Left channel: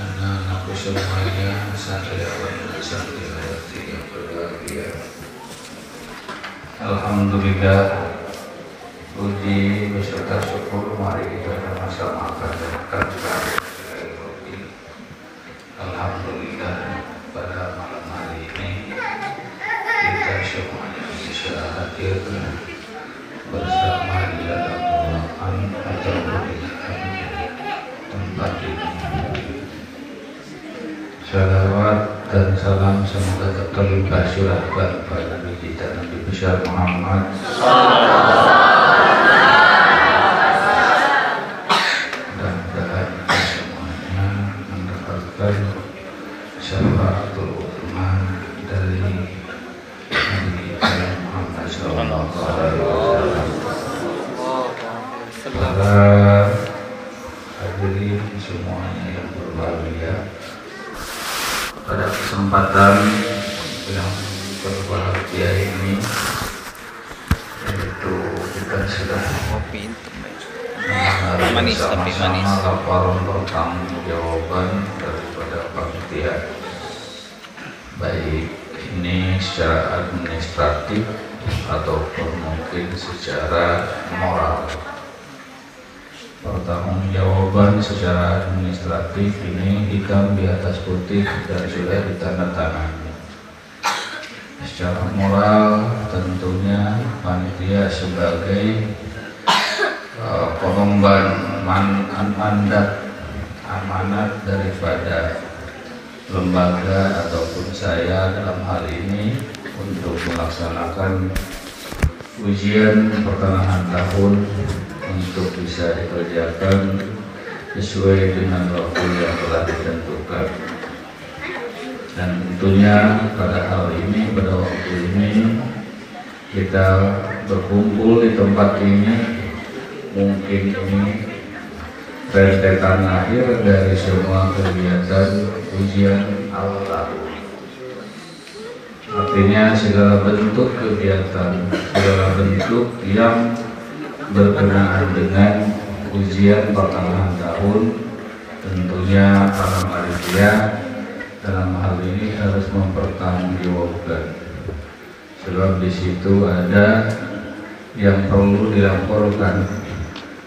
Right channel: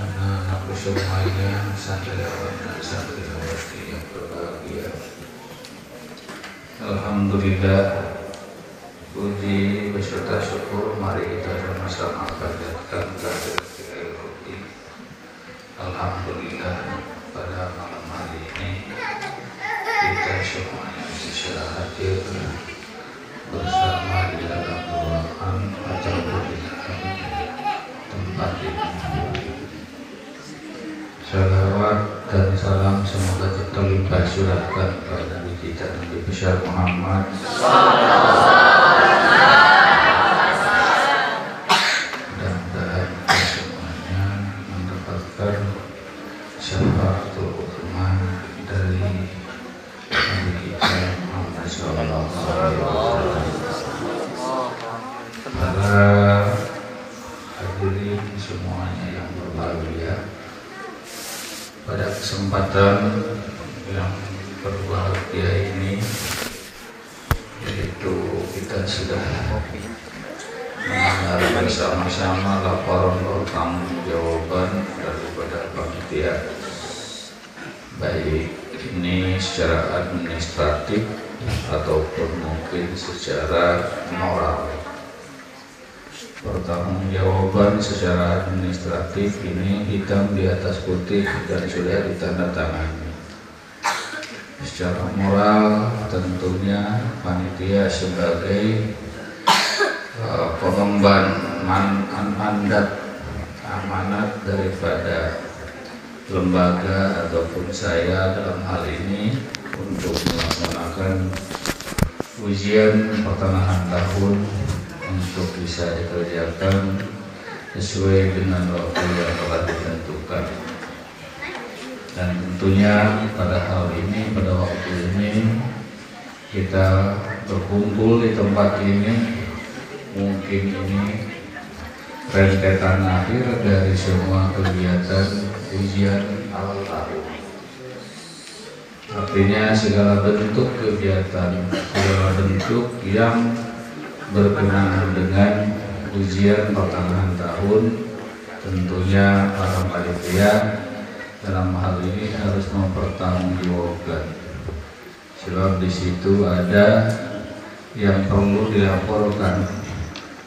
Anak-anakku semuanya, santriwan dan santriwati yang berbahagia. Alhamdulillah, puji beserta syukur mari kita sama-sama panjatkan kepada Alhamdulillah, pada malam hari ini kita semuanya bisa hadir bersama di dalam ruangan atau tempat ini. Salawat dan salam semoga terlimpah curahkan kepada Nabi kita Nabi besar Muhammad dan kita semuanya mendapatkan syafaatul ummah dari Nabi kita Muhammad sallallahu alaihi wasallam. Para hadirin semuanya yang berbahagia, pada kesempatan yang berbahagia ini, yaitu kita sudah mengenal bersama-sama laporan pertanggungjawaban daripada panitia, baik ini secara administratif ataupun mungkin secara moral. Pertanggungjawaban secara administratif ini hitam di atas putih dan sudah ditandatangani. Secara moral tentunya panitia sebagai pengemban mandat amanat daripada lembaga ataupun saya dalam hal ini untuk melaksanakan ujian pertengahan tahun untuk bisa dikerjakan sesuai dengan waktu yang telah ditentukan. Dan tentunya pada hal ini, pada waktu ini kita berkumpul di tempat ini, mungkin ini rentetan akhir dari semua kegiatan ujian awal tahun. Artinya segala bentuk kegiatan, segala bentuk yang berkenaan dengan ujian pertengahan tahun, tentunya para panitia dalam hal ini harus mempertanggungjawabkan, sebab di situ ada yang perlu dilaporkan,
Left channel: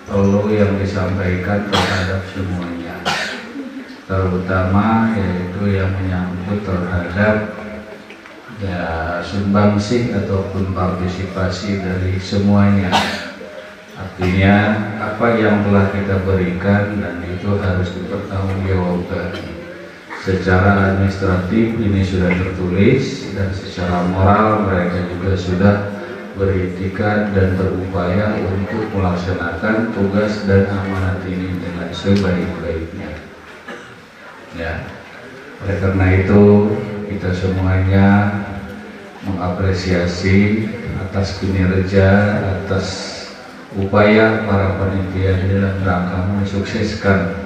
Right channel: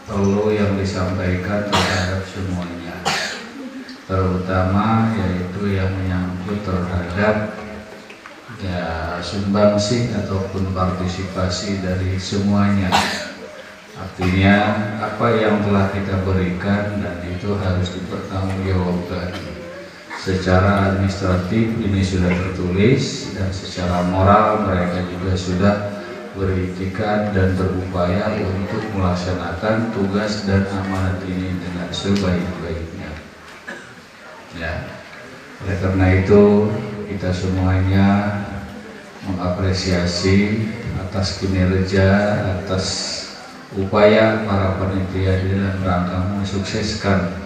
perlu yang disampaikan terhadap semuanya, terutama yaitu yang menyangkut terhadap sumbangsih ataupun partisipasi dari semuanya. Artinya apa yang telah kita berikan dan itu harus dipertanggungjawabkan. Secara administratif ini sudah tertulis dan secara moral mereka juga sudah berikhtiar dan berupaya untuk melaksanakan tugas dan amanat ini dengan sebaik-baiknya. Ya, oleh karena itu kita semuanya mengapresiasi atas kinerja, atas upaya para panitia di dalam rangka mensukseskan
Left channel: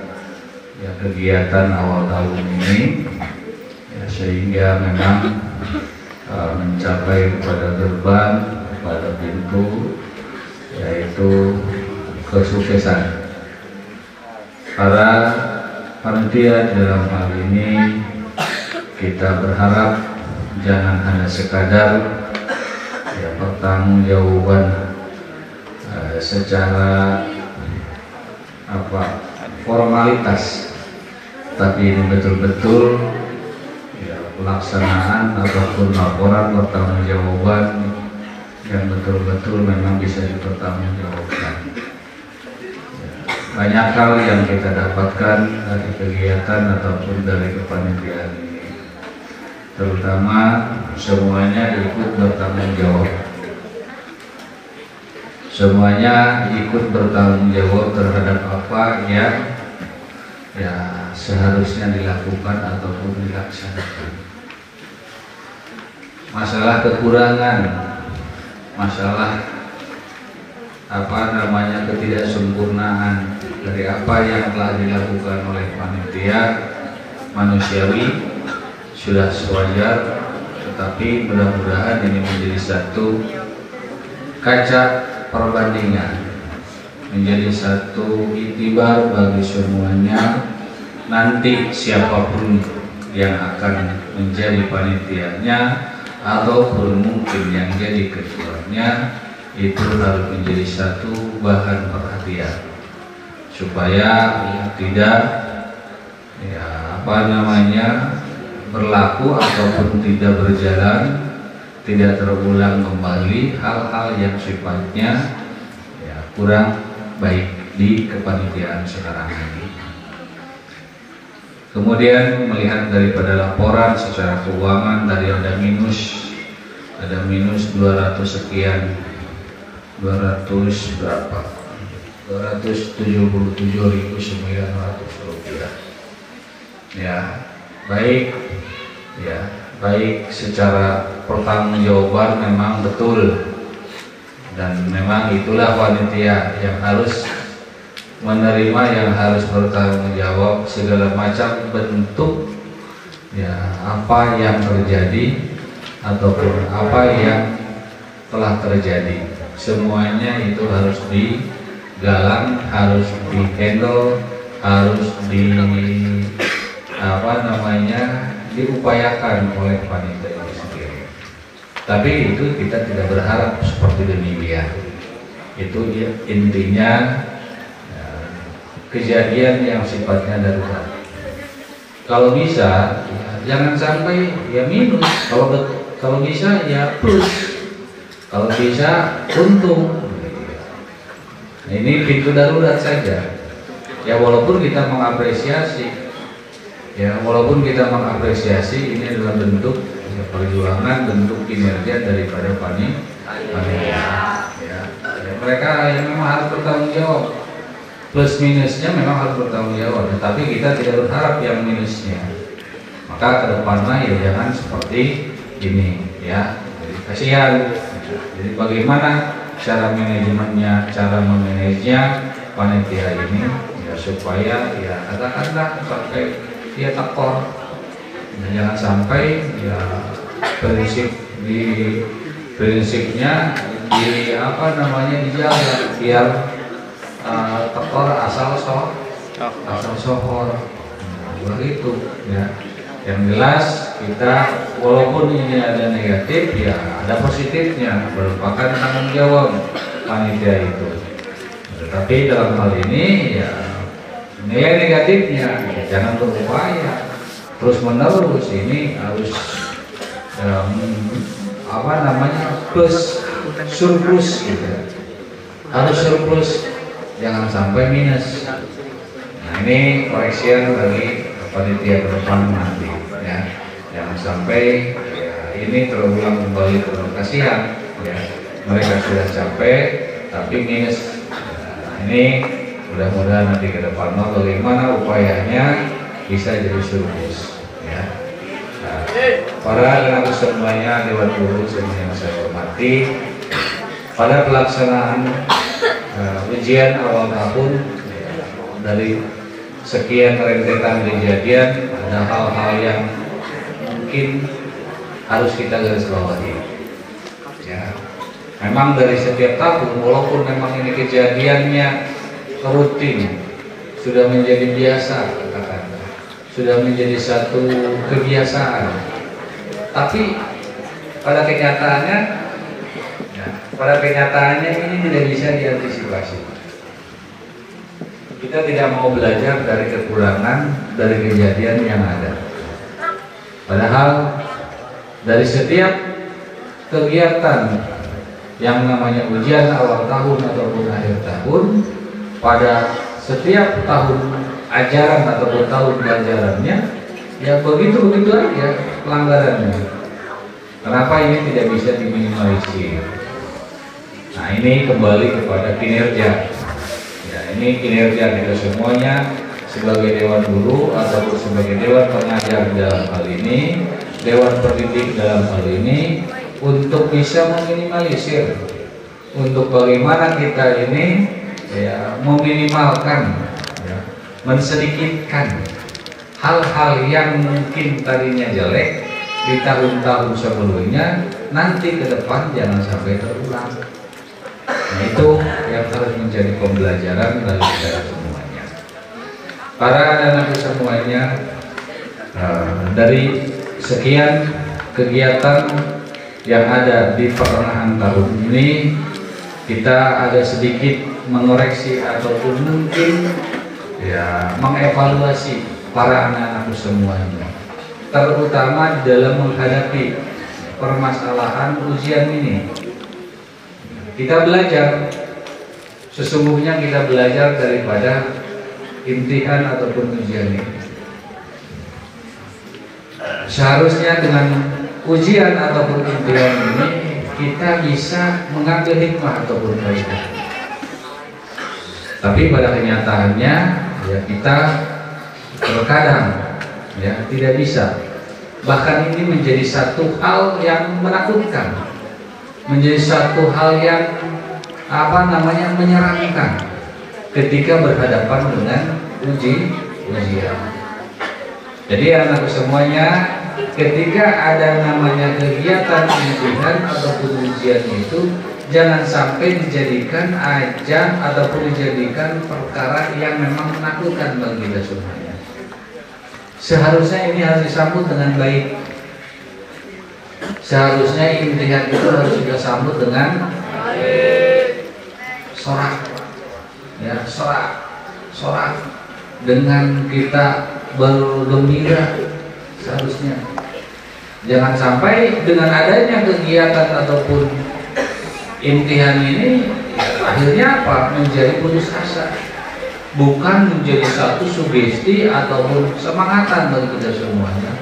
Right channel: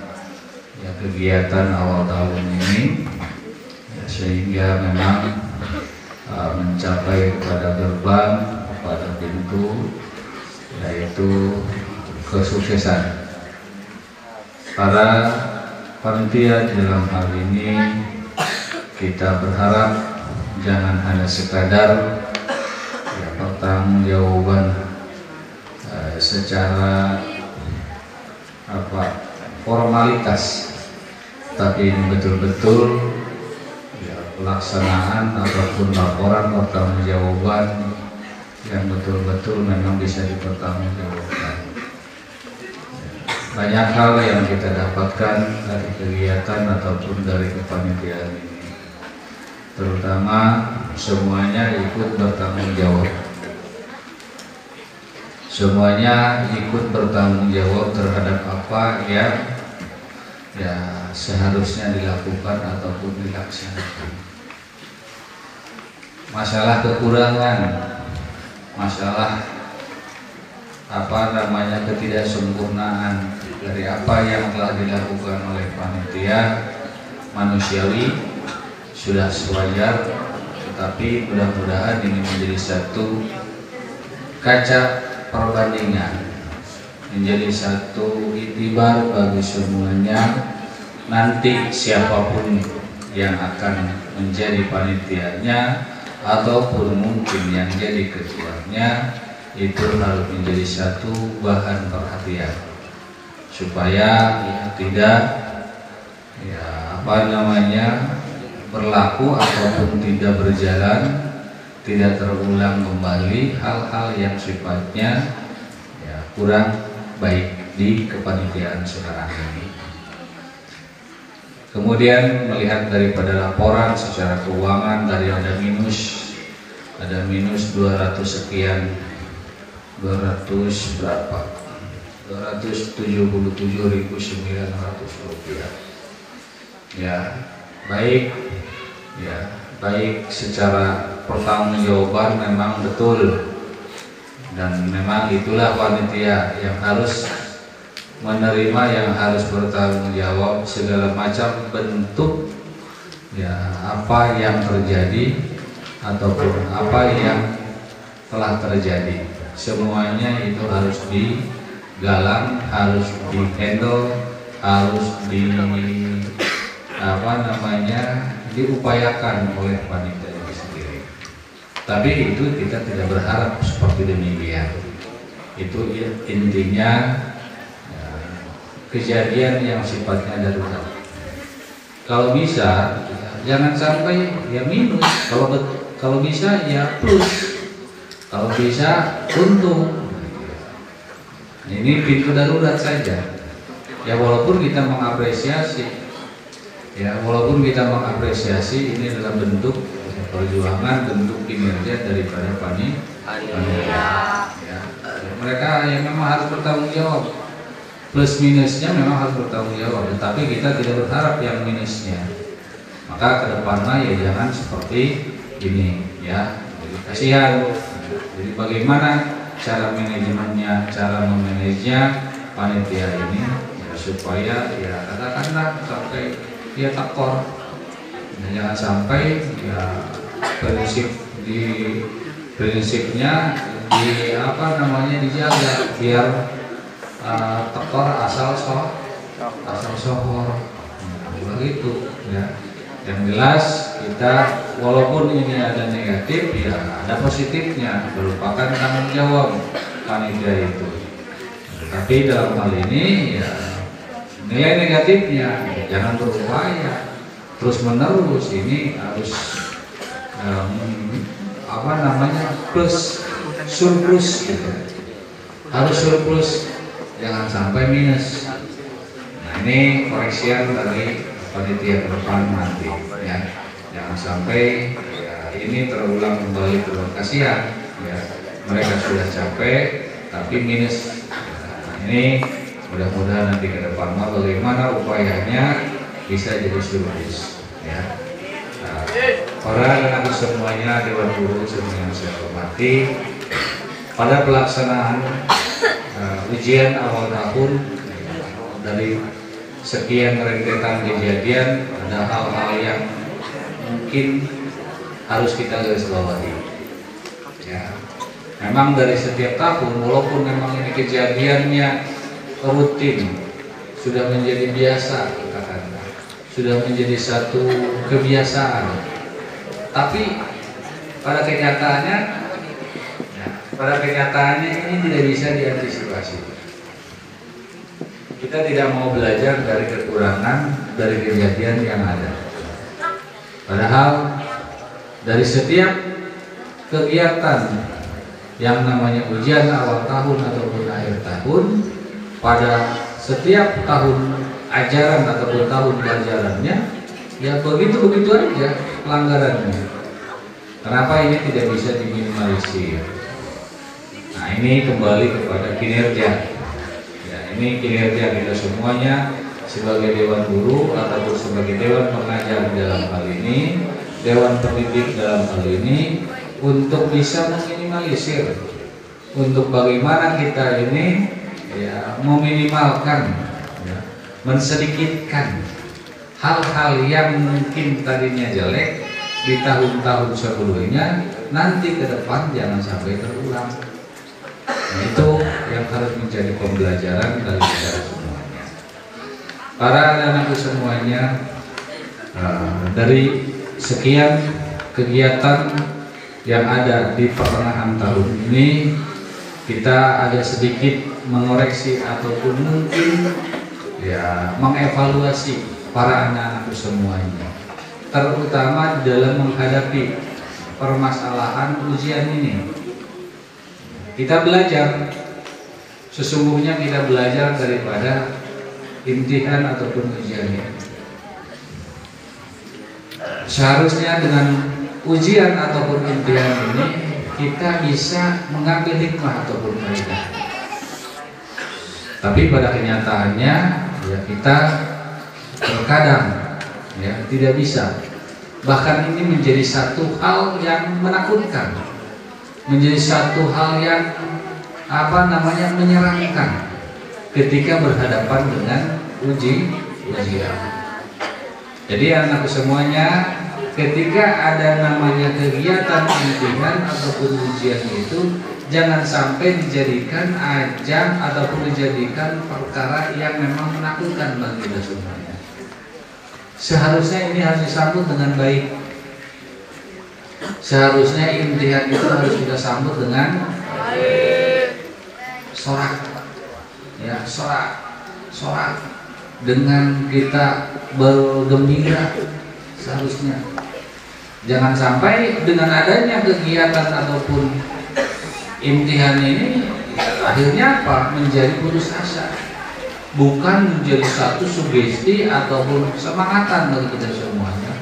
kegiatan awal tahun ini, sehingga memang mencapai kepada gerbang, pada pintu, yaitu kesuksesan. Para panitia di dalam hal ini kita berharap jangan hanya sekadar pertanggungjawaban secara formalitas, tapi ini betul-betul pelaksanaan ataupun laporan pertanggungjawaban yang betul-betul memang bisa dipertanggungjawabkan. banyak hal yang kita dapatkan dari kegiatan ataupun dari kepanitiaan ini, terutama semuanya ikut bertanggung jawab. Semuanya ikut bertanggung jawab terhadap apa yang seharusnya dilakukan ataupun dilaksanakan. Masalah kekurangan, masalah ketidaksempurnaan dari apa yang telah dilakukan oleh panitia manusiawi sudah sewajar, tetapi mudah-mudahan ini menjadi satu kaca perbandingan, menjadi satu iktibar bagi semuanya. Nanti siapapun yang akan menjadi panitianya ataupun mungkin yang jadi ketuanya, itu harus menjadi satu bahan perhatian supaya tidak berlaku ataupun tidak berjalan, tidak terulang kembali hal-hal yang sifatnya kurang baik di kepanitiaan sekarang ini. Kemudian melihat daripada laporan secara keuangan dari ada minus 200 sekian, 277.900 rupiah. Baik secara pertanggungjawaban memang betul, dan memang itulah panitia yang harus menerima, yang harus bertanggung jawab segala macam bentuk apa yang terjadi ataupun apa yang telah terjadi. Semuanya itu harus digalang, harus dihandle, harus diupayakan oleh panitia itu sendiri. Tapi itu kita tidak berharap seperti demikian. Itu intinya kejadian yang sifatnya darurat. Kalau bisa jangan sampai minus, kalau bisa plus, kalau bisa untung. Ini pintu darurat saja. Walaupun kita mengapresiasi, ini adalah bentuk perjuangan, bentuk kinerja daripada panitia. Mereka yang memang harus bertanggung jawab. Plus minusnya memang harus bertanggung jawab, tapi kita tidak berharap yang minusnya. Maka kedepannya jangan seperti ini, Jadi kasihan. Jadi bagaimana cara manajemennya, cara memanajenya panitia ini supaya katakanlah sampai tekor, dan jangan sampai prinsipnya dijaga biar tekor asal sohor begitu Yang jelas kita walaupun ini ada negatif, ada positifnya, merupakan tanggung jawab panitia itu. Tapi dalam hal ini nilai negatifnya jangan berupaya terus menerus, ini harus plus surplus harus surplus, jangan sampai minus. Ini koreksian bagi panitia ke depan nanti, jangan sampai ini terulang kembali, kasihan mereka sudah capek tapi minus. Ini mudah-mudahan nanti ke depan bagaimana upayanya bisa jadi surplus. Para semuanya, Dewan Guru yang saya hormati, pada pelaksanaan ujian awal tahun, dari sekian rentetan kejadian, ada hal-hal yang mungkin harus kita garis bawahi. Memang dari setiap tahun, walaupun memang ini kejadiannya rutin, sudah menjadi biasa, sudah menjadi satu kebiasaan, tapi pada kenyataannya ini tidak bisa diantisipasi. Kita tidak mau belajar dari kekurangan dari kejadian yang ada. Padahal dari setiap kegiatan yang namanya ujian awal tahun ataupun akhir tahun, pada setiap tahun ajaran atau tahun pelajarannya ya begitu aja pelanggarannya. Kenapa ini tidak bisa diminimalisir? Nah, ini kembali kepada kinerja. Ya, ini kinerja kita semuanya sebagai dewan guru ataupun sebagai dewan pengajar dalam hal ini, dewan pendidik dalam hal ini, untuk bisa meminimalisir, untuk bagaimana kita ini ya meminimalkan, ya, mensedikitkan hal-hal yang mungkin tadinya jelek di tahun-tahun sebelumnya, nanti ke depan jangan sampai terulang. Nah, itu yang harus menjadi pembelajaran dari kita semuanya. Para anak-anak semuanya, dari sekian kegiatan yang ada di pertengahan tahun ini, kita ada sedikit mengoreksi ataupun mungkin ya mengevaluasi para anak-anakku semuanya, terutama dalam menghadapi permasalahan ujian ini. Kita belajar, sesungguhnya kita belajar daripada imtihan ataupun ujian ini. Seharusnya dengan ujian ataupun imtihan ini kita bisa mengambil hikmah ataupun faedah. Tapi pada kenyataannya ya kita terkadang ya tidak bisa. Bahkan ini menjadi satu hal yang menakutkan, menjadi satu hal yang menyeramkan ketika berhadapan dengan ujian. Jadi anak semuanya, ketika ada namanya kegiatan imtihan ataupun ujian itu, jangan sampai dijadikan ajang ataupun dijadikan perkara yang memang menakutkan bagi kita semuanya. Seharusnya ini harus disambut dengan baik. Seharusnya imtihan itu harus kita sambut dengan sorak, ya, sorak dengan kita bergembira. Seharusnya jangan sampai dengan adanya kegiatan ataupun imtihan ini akhirnya apa? Menjadi putus asa, bukan menjadi satu sugesti ataupun semangatan bagi kita semuanya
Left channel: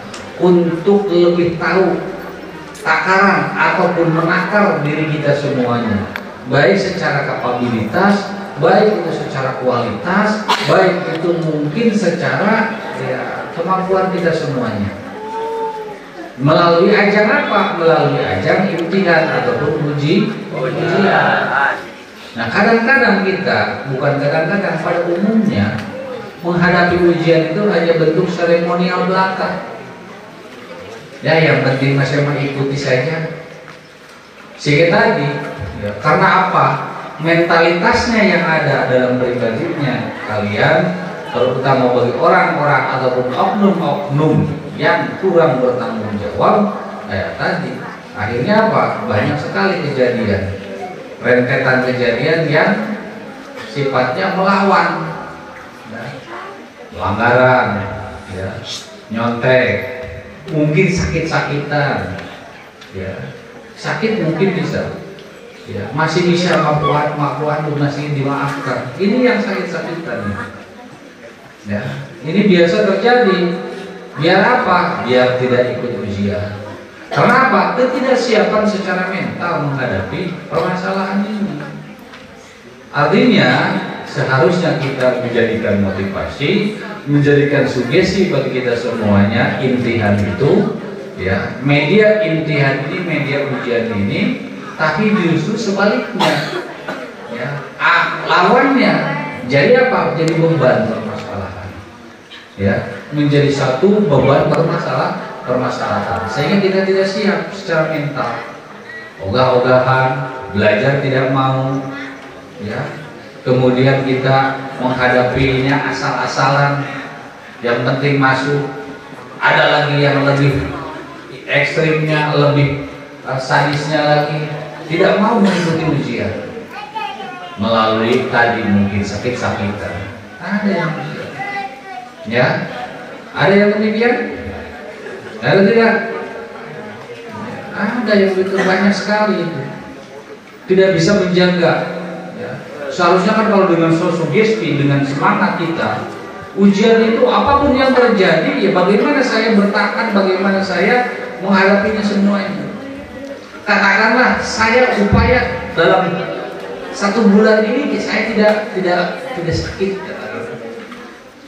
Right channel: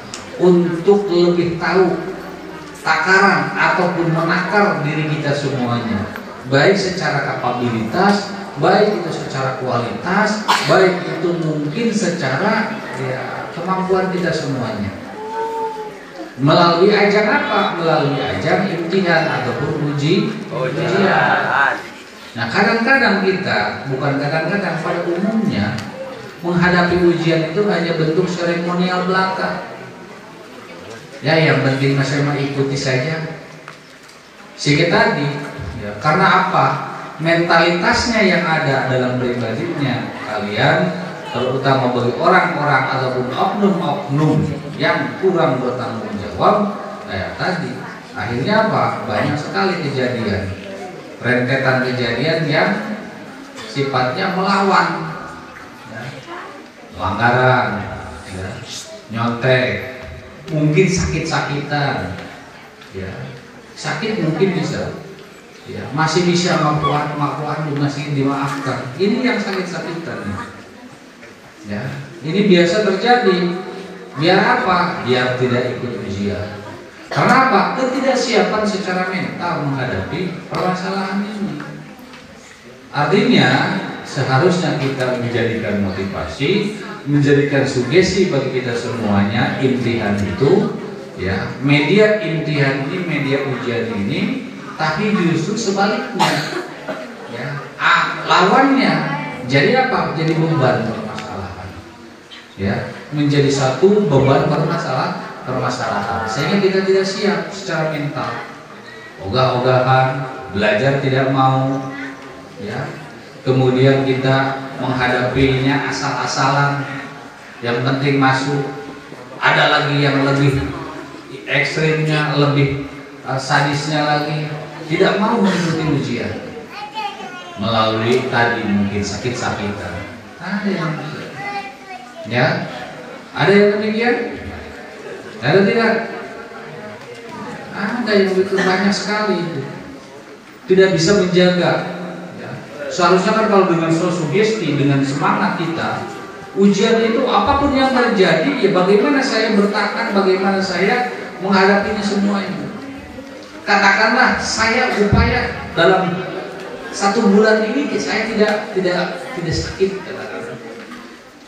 untuk lebih tahu takaran ataupun menakar diri kita semuanya, baik secara kapabilitas, baik itu secara kualitas, baik itu mungkin secara ya, kemampuan kita semuanya. Melalui ajang apa? Melalui ajang imtihan ataupun ujian. Nah, kadang-kadang kita, bukan kadang-kadang, pada umumnya menghadapi ujian itu hanya bentuk seremonial belaka. Ya, yang penting masih mengikuti saja. Sehingga tadi, ya, karena apa? Mentalitasnya yang ada dalam pribadinya kalian, terutama bagi orang-orang ataupun oknum-oknum yang kurang bertanggung jawab, kayak tadi, akhirnya apa? Banyak sekali kejadian, rentetan kejadian yang sifatnya melawan, ya, pelanggaran, ya, nyontek, mungkin sakit-sakitan, ya, sakit mungkin bisa, ya, masih bisa maafkan, masih dimaafkan. Ini yang sakit-sakitan, ya, ini biasa terjadi. Biar apa? Biar tidak ikut ujian. Karena apa? Ketidaksiapan secara mental menghadapi permasalahan ini. Artinya seharusnya kita menjadikan motivasi, menjadikan sugesti bagi kita semuanya. Imtihan itu, ya, media imtihan ini, media ujian ini, tapi justru sebaliknya, ya, lawannya jadi apa? Jadi beban permasalahan, ya, menjadi satu beban permasalahan, sehingga kita tidak siap secara mental, ogah-ogahan, belajar tidak mau, ya, kemudian kita menghadapinya asal-asalan, yang penting masuk. Ada lagi yang lebih ekstrimnya, lebih sadisnya lagi, tidak mau mengikuti ujian melalui tadi mungkin sakit-sakitan. Ada yang ya, ada yang demikian? Ada tidak? Ada yang begitu banyak sekali itu. Tidak bisa menjaga, ya, seharusnya kan kalau dengan sugesti, dengan semangat kita, ujian itu apapun yang terjadi, ya bagaimana saya bertahan, bagaimana saya menghadapinya semuanya. Katakanlah saya upaya dalam 1 bulan ini saya tidak sakit.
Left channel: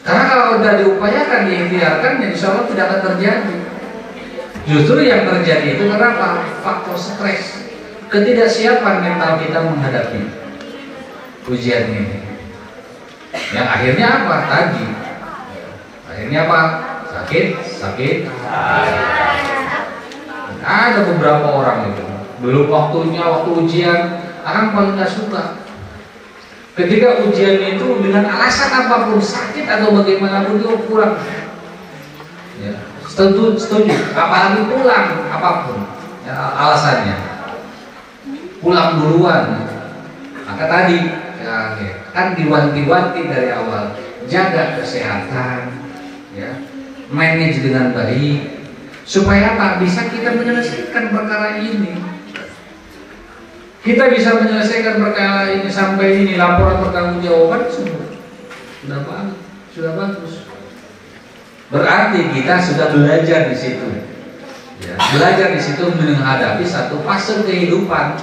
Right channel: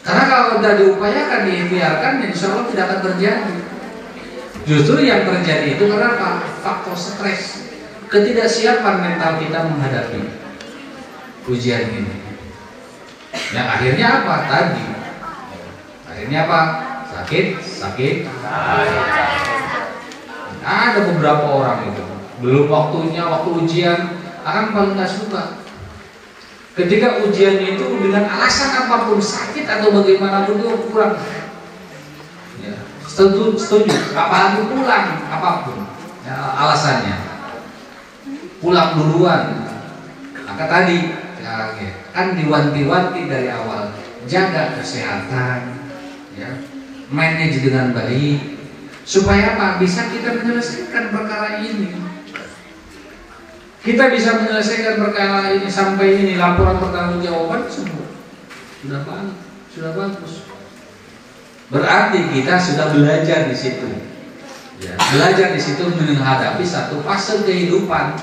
Karena kalau sudah diupayakan, diikhtiarkan, ya insya Allah tidak akan terjadi. Justru yang terjadi itu kenapa? Faktor stres, ketidaksiapan mental kita menghadapi ujian ini. Yang akhirnya apa? Tadi. Akhirnya apa? Sakit. Ada beberapa orang itu belum waktunya, waktu ujian, orang paling gak suka. Ketika ujian itu dengan alasan apapun, sakit atau bagaimanapun itu kurang. Ya, setuju. Apalagi pulang, apapun ya, alasannya. Pulang duluan. Maka tadi ya, kan diwanti-wanti dari awal, jaga kesehatan, ya, manage dengan baik. Supaya apa? Bisa kita menyelesaikan perkara ini. Kita bisa menyelesaikan perkara ini sampai ini laporan pertanggungjawaban semua. Sudah bagus. Berarti kita sudah belajar di situ. Ya, belajar di situ menghadapi satu fase kehidupan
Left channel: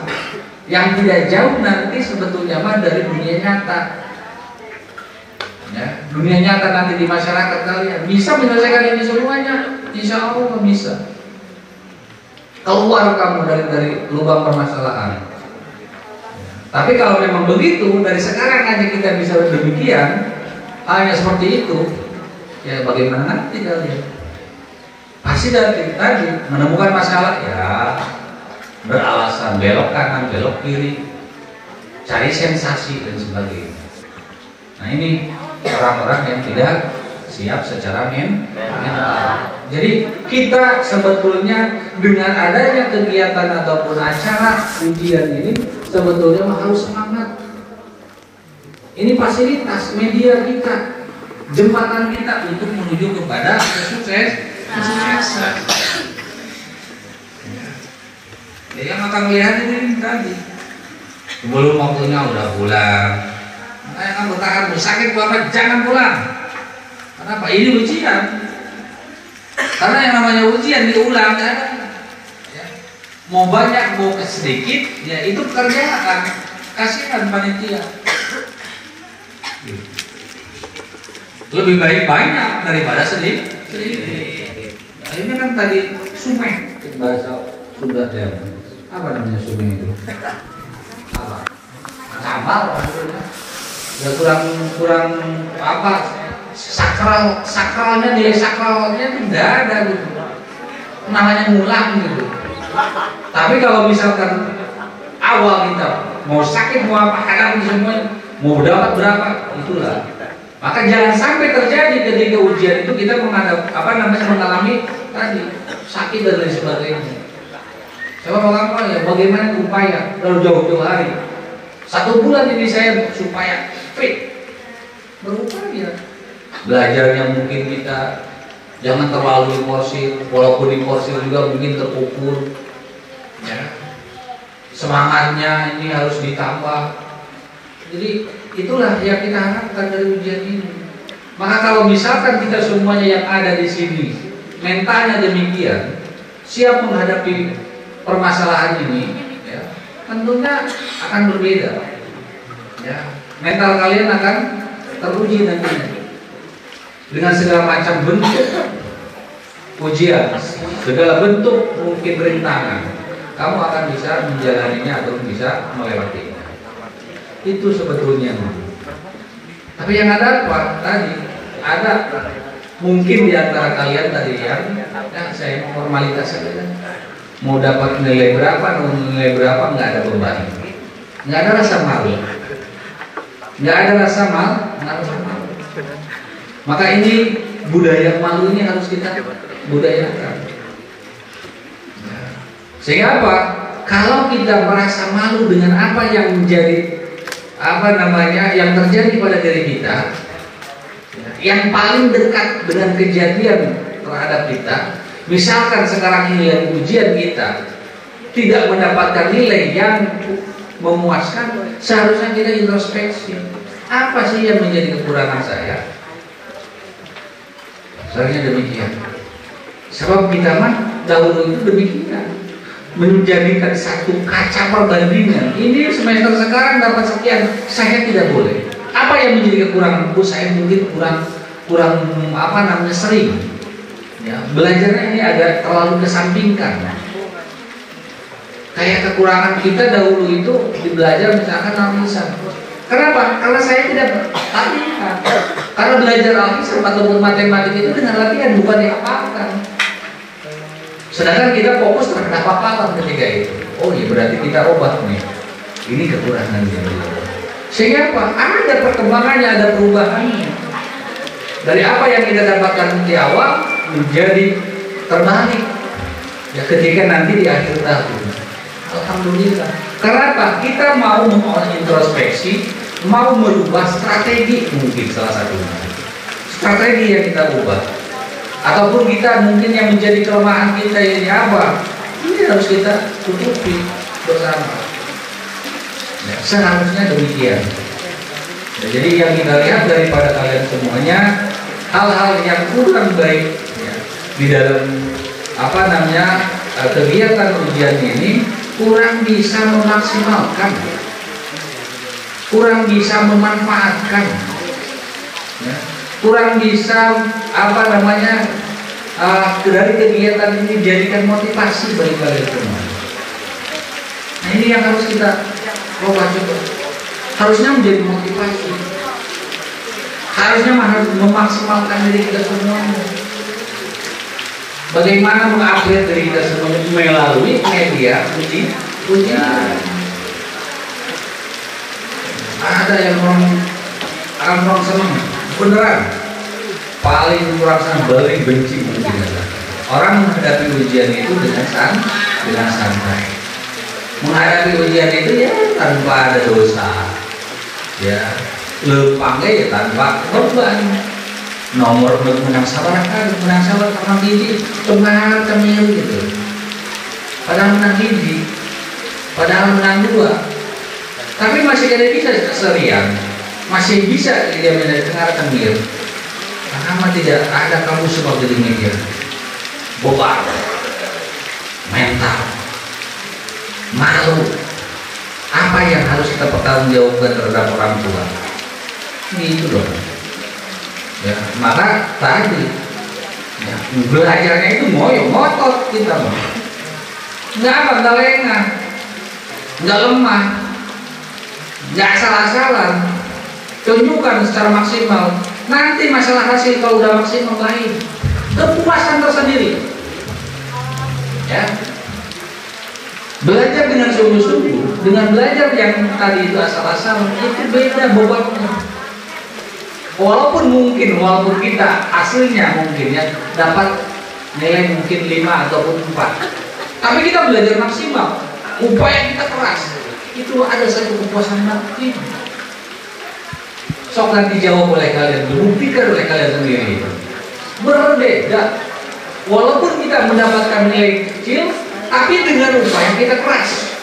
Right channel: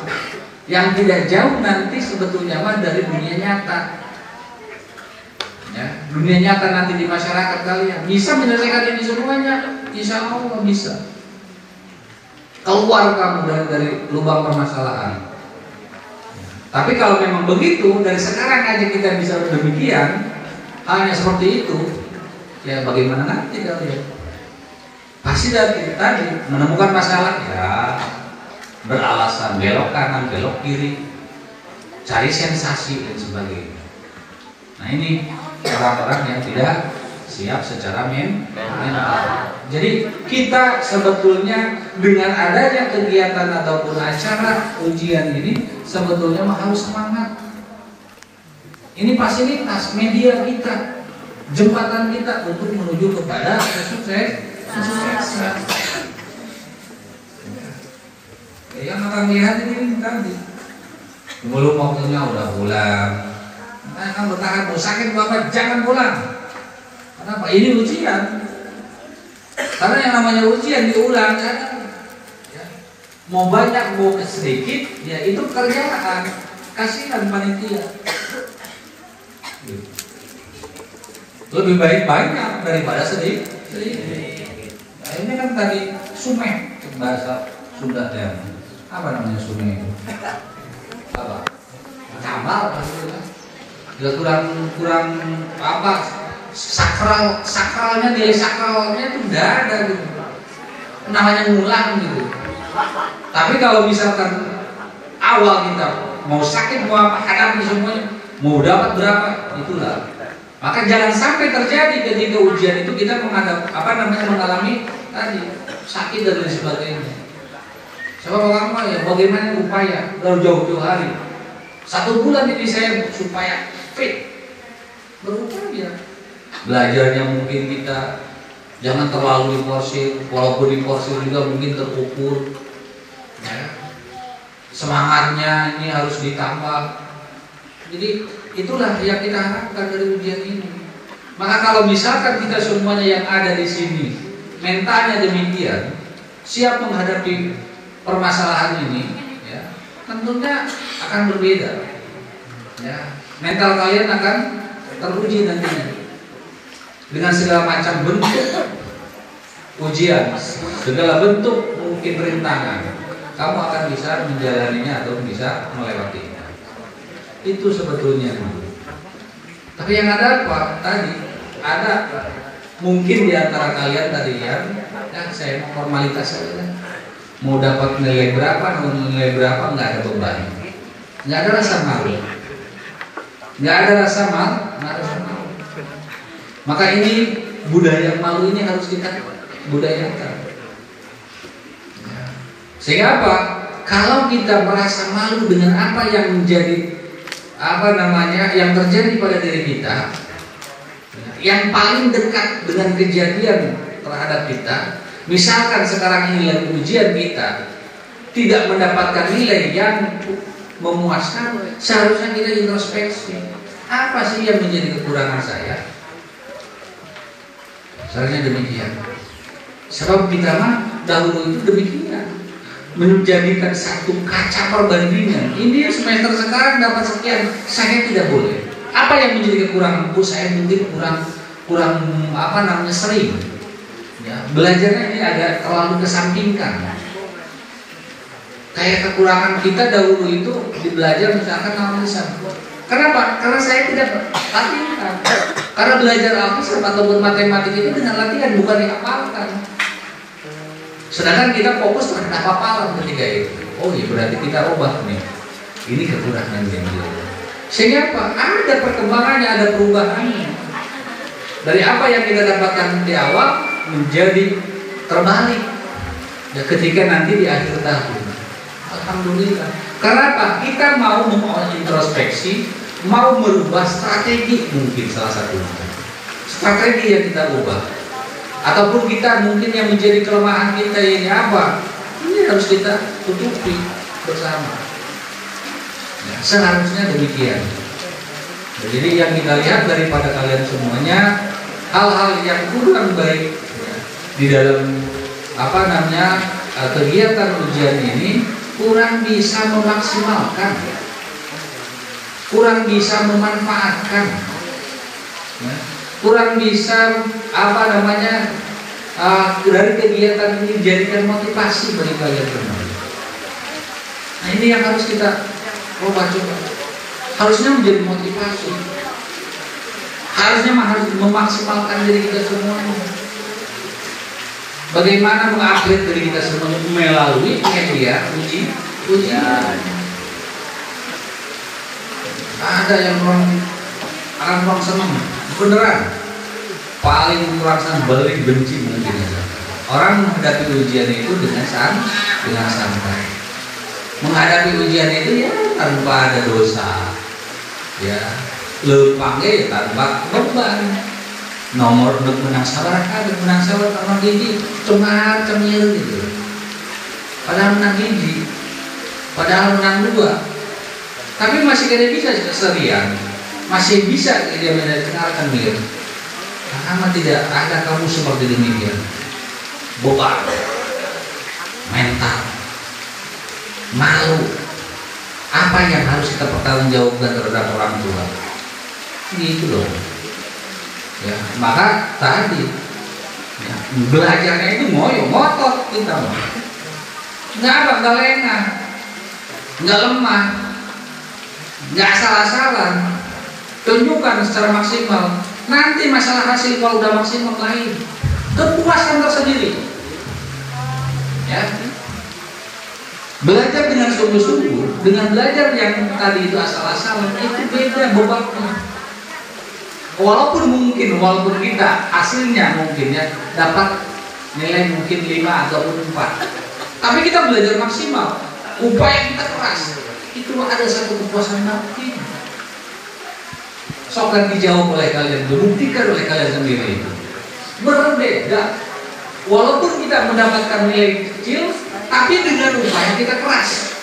yang tidak jauh nanti sebetulnya dari dunia nyata. Ya, dunia nyata nanti di masyarakat kalian bisa menyelesaikan ini semuanya. Insya Allah bisa. Keluar kamu dari lubang permasalahan. Tapi kalau memang begitu, dari sekarang aja kita bisa demikian, hanya seperti itu, ya bagaimana nanti kalian? Pasti dari tadi menemukan masalah, ya beralasan belok kanan, belok kiri, cari sensasi dan sebagainya. Nah ini orang-orang yang tidak siap secara mental. Jadi kita sebetulnya dengan adanya kegiatan ataupun acara ujian ini sebetulnya harus semangat. Ini fasilitas media kita, jembatan kita untuk menuju kepada kesuksesan. Ya, yang akan lihat ini tadi belum waktunya udah pulang. Yang bertahan bersakit Bapak jangan pulang. Kenapa? Ini ujian. Karena yang namanya ujian diulang ya. Mau banyak mau sedikit ya itu pekerjaan. Kasihan panitia. Lebih baik banyak daripada sedikit. Nah, ini kan tadi sumeh bahasa Sunda ya. Apa namanya sumeh itu? Apa? Camal ya kurang apa? Sakralnya nilai sakralnya itu enggak ada gitu. Namanya ngulang gitu. Tapi kalau misalkan awal kita mau sakit mau apa hadapi semuanya, mau dapat berapa itulah. Maka jangan sampai terjadi ketika ujian itu kita mengalami tadi sakit dan lain sebagainya. Seorang ya bagaimana upaya dalam jauh-jauh hari 1 bulan ini saya supaya fit berupaya. Belajarnya mungkin kita jangan terlalu diporsir, walaupun diporsir juga mungkin terukur. Ya. Semangatnya ini harus ditambah. Jadi itulah yang kita harapkan dari ujian ini. Maka kalau misalkan kita semuanya yang ada di sini mentalnya demikian, siap menghadapi permasalahan ini, ya, tentunya akan berbeda. Ya, mental kalian akan teruji nantinya. Dengan segala macam bentuk ujian, segala bentuk mungkin rintangan, kamu akan bisa menjalaninya atau bisa melewatinya. Itu sebetulnya. Tapi yang ada apa? Tadi ada mungkin di antara kalian tadi yang saya formalitas saja. Mau dapat nilai berapa, nggak ada beban, nggak ada rasa malu, nggak ada rasa malu. Maka ini budaya malu ini harus kita budayakan. Sehingga apa? Kalau kita merasa malu dengan apa yang menjadi yang terjadi pada diri kita, yang paling dekat dengan kejadian terhadap kita, misalkan sekarang ini lagi ujian kita tidak mendapatkan nilai yang memuaskan, seharusnya kita introspeksi. Apa sih yang menjadi kekurangan saya? Seharusnya demikian. Sebab kita mah dahulu itu demikian, menjadikan satu kaca perbandingan. Ini semester sekarang dapat sekian, saya tidak boleh. Apa yang menjadi kekuranganku? Saya mungkin kurang apa namanya sering. Ya, belajarnya ini agak terlalu kesampingkan. Kayak kekurangan kita dahulu itu di belajar misalkan analisan. Kenapa? Karena saya tidak latihan. Karena belajar alkitab ataupun matematika itu dengan latihan, bukan dihafalkan. Sedangkan kita fokus terhadap hafalan ketika itu. Oh iya, berarti kita ubah nih. Ini kekurangan yang sehingga apa? Ada perkembangannya, ada perubahannya. Dari apa yang kita dapatkan di awal menjadi terbalik. Ya, ketika nanti di akhir tahun. Alhamdulillah. Kenapa? Kita mau mengintrospeksi, mau merubah strategi mungkin salah satunya. Strategi yang kita ubah. Ataupun kita mungkin yang menjadi kelemahan kita ini apa? Ini harus kita tutupi bersama. Ya, seharusnya demikian. Ya, jadi yang kita lihat daripada kalian semuanya, hal-hal yang kurang baik ya, di dalam apa namanya kegiatan ujian ini kurang bisa memaksimalkan, kurang bisa memanfaatkan, ya, kurang bisa apa namanya dari kegiatan ini dijadikan motivasi bagi kalian semua. Nah, ini yang harus kita coba juga. Harusnya menjadi motivasi. Harusnya harus memaksimalkan diri kita semuanya. Bagaimana mengupgrade diri kita semuanya melalui media ujian. Ada yang orang senang, beneran. Paling kurang senang, balik benci mungkin. Orang menghadapi ujian itu dengan santai. Menghadapi ujian itu ya tanpa ada dosa, ya lempangnya ya tanpa beban. Nomor menang sabar sama gini, cemil gitu. Padahal menang gini, padahal menang 2, tapi masih ada bisa keserian, masih bisa dia mendengar cemil. Karena tidak ada kamu seperti demikian, beban, mental, malu. Apa yang harus kita pertanggungjawabkan terhadap orang tua? Itu loh. Ya, maka tadi ya, belajarnya itu ngotot kita mau. Nggak lengah, nggak lemah, nggak salah-salah. Tunjukkan secara maksimal. Nanti masalah hasil kalau udah maksimal lain, kepuasan tersendiri. Ya. Belajar dengan sungguh-sungguh, dengan belajar yang tadi itu asal-asalan, itu beda bobotnya. Walaupun kita hasilnya mungkin ya dapat nilai mungkin 5 ataupun 4, tapi kita belajar maksimal, upaya kita keras, itu ada satu kepuasan nanti. Sok nanti dijawab oleh kalian, dibuktikan oleh kalian sendiri. Berbeda. Walaupun kita mendapatkan nilai kecil, tapi dengan upaya kita keras.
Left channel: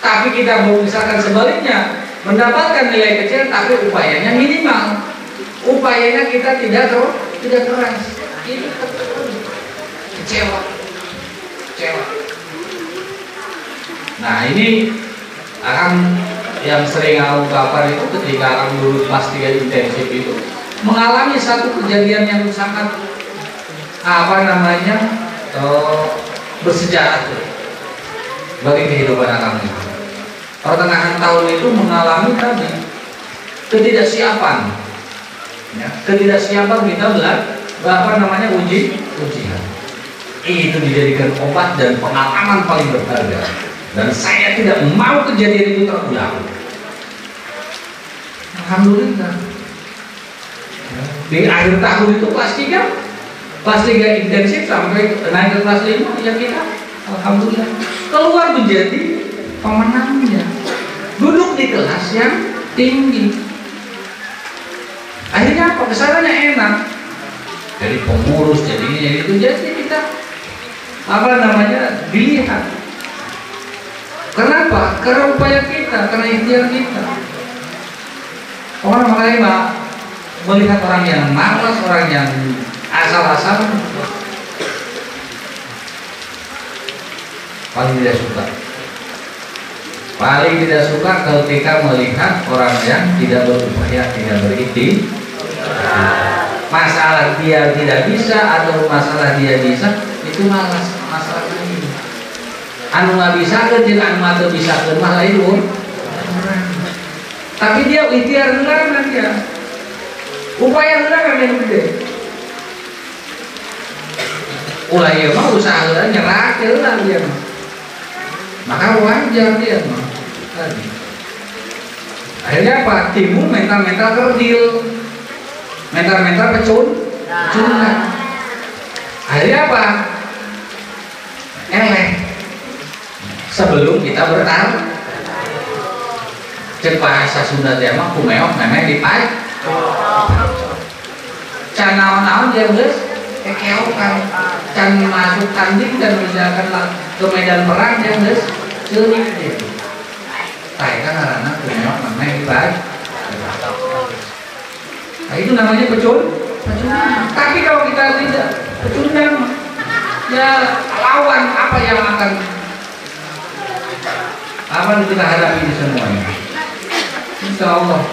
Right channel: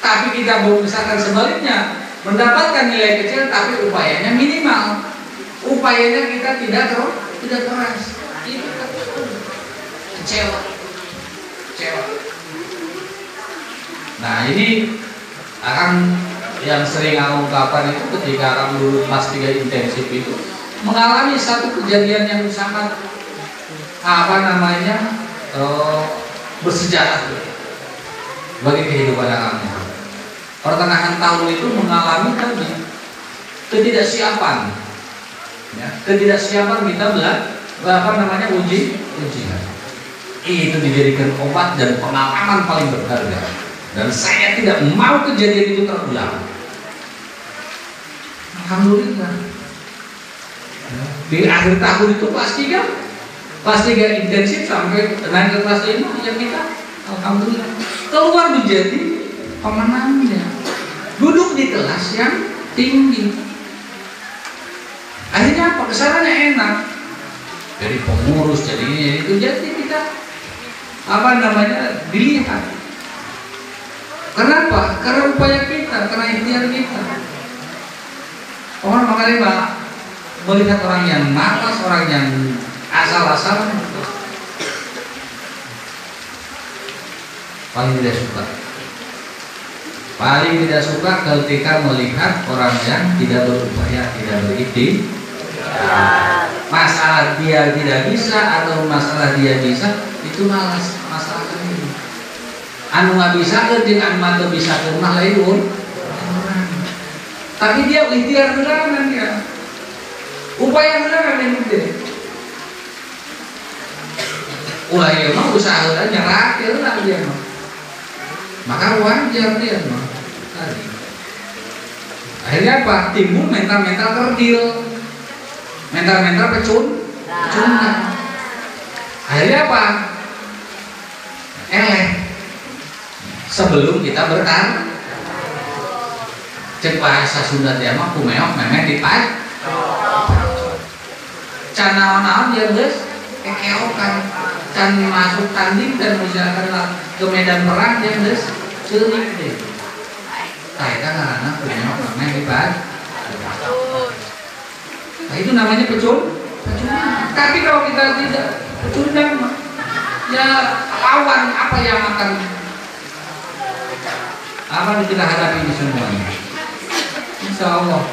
Tapi kita mau misalkan sebaliknya, mendapatkan nilai kecil tapi upayanya minimal. Upayanya kita tidak keras. Itu kecewa. Nah, ini akan yang sering aku ungkapkan itu ketika akan dulu kelas 3 intensif itu mengalami satu kejadian yang sangat bersejarah bagi kehidupan akamnya. Pertengahan tahun itu mengalami tadi ketidaksiapan, ya, ketidaksiapan kita ujian. Itu dijadikan obat dan pengalaman paling berharga. Dan saya tidak mau kejadian itu terulang. Alhamdulillah. Di akhir tahun itu kelas 3 intensif sampai naik ke kelas 5 ya kita alhamdulillah keluar menjadi pemenangnya, duduk di kelas yang tinggi. Akhirnya apa? Kesananya enak, jadi pengurus, jadi ini itu, jadi kita dilihat. Kenapa? Karena upaya kita, karena ikhtiar kita. Orang makanya nggak melihat orang yang malas, orang yang asal-asal, paling tidak suka. Paling tidak suka ketika melihat orang yang tidak berupaya, tidak berikhtiar. Masalah dia tidak bisa atau masalah dia bisa, itu malas masalah ini. Anu nggak bisa kan jika anu bisa ke mah lain. Tapi dia ikhtiar heula dia. Upaya heula yang gede. Ulah ieu mah usaha heula nyerah heula dia mah. Maka wajar dia mah. Akhirnya apa? Timbul mental-mental kerdil. Mental-mental pecundang. Akhirnya apa? Sebelum kita bertarung, cek bahasa Sunda dia mah kumeok memeh dipaek. Can naon-naon dia geus kekeokan. Can masuk tanding dan misalkan ke medan perang dia geus ceurik dia. Kayak ngaranna kumeok memeh dipaek. Nah, itu namanya pecundang. Tapi kalau kita tidak pecundang, ya lawan apa yang akan kita hadapi di semua ini. Insya Allah,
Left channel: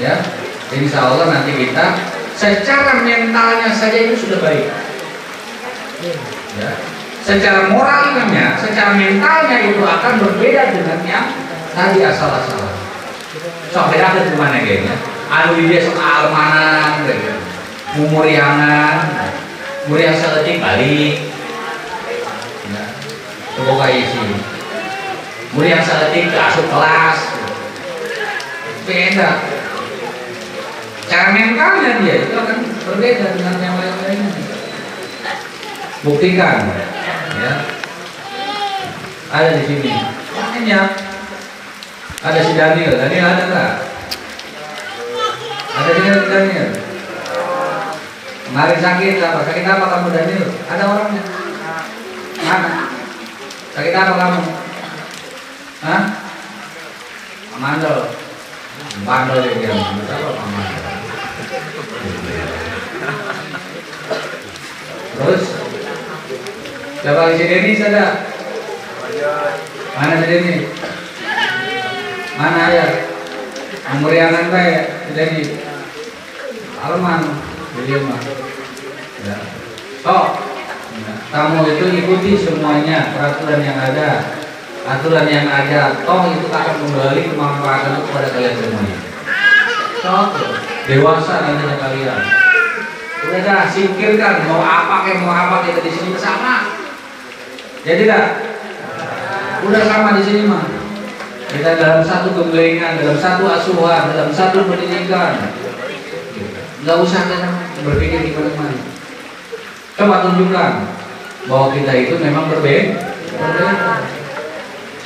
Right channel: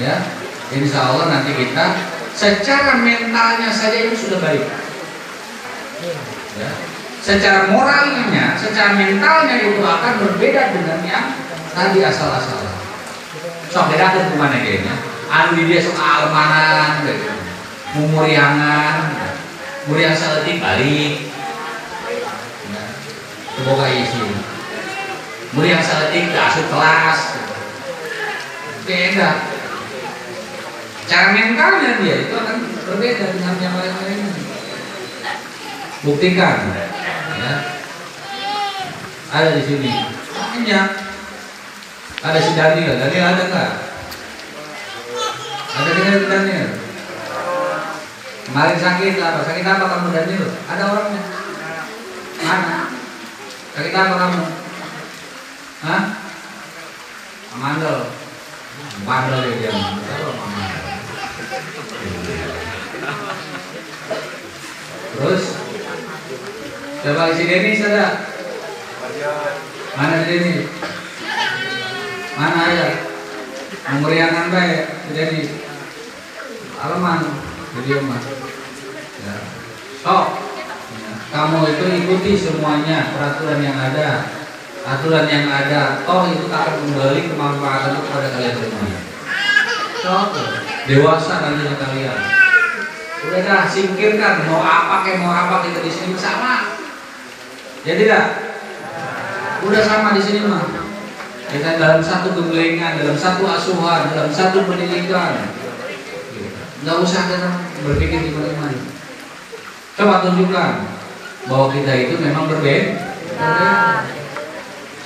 ya. Insya Allah nanti kita secara mentalnya saja itu sudah baik. Ya. Secara moralnya, secara mentalnya itu akan berbeda dengan yang tadi asal-asalan. So beda aku kemana kayaknya? Anu dia suka almanan, gitu. Mumuriangan, muriang seletik balik. Ya. Semoga isi. Muriang seletik asup kelas. Beda. Cara mentalnya dia itu akan berbeda dengan yang lain-lainnya. Buktikan, ya. Ada di sini. Ini ada si Daniel. Daniel ada nggak? Ada Daniel. Kemarin sakit apa? Sakit apa kamu Daniel? Ada orangnya? Mana? Sakit apa kamu? Hah? Mandel. Mandel dia. Terus siapa di sini nih ada? Mana di sini? Mana ya? Memurianan baik jadi Alman video mah. Ya. Oh, kamu itu ikuti semuanya peraturan yang ada. Aturan yang ada, toh itu akan kembali kemanfaatan kepada kalian semuanya. Toh, dewasa nanti kalian. Udah dah, singkirkan mau apa kita di sini sama. Jadi dah, udah sama di sini mah. Kita dalam satu gemblengan, dalam satu asuhan, dalam satu pendidikan. Nggak usah berpikir di mana-mana. Coba tunjukkan bahwa kita itu memang berbeda.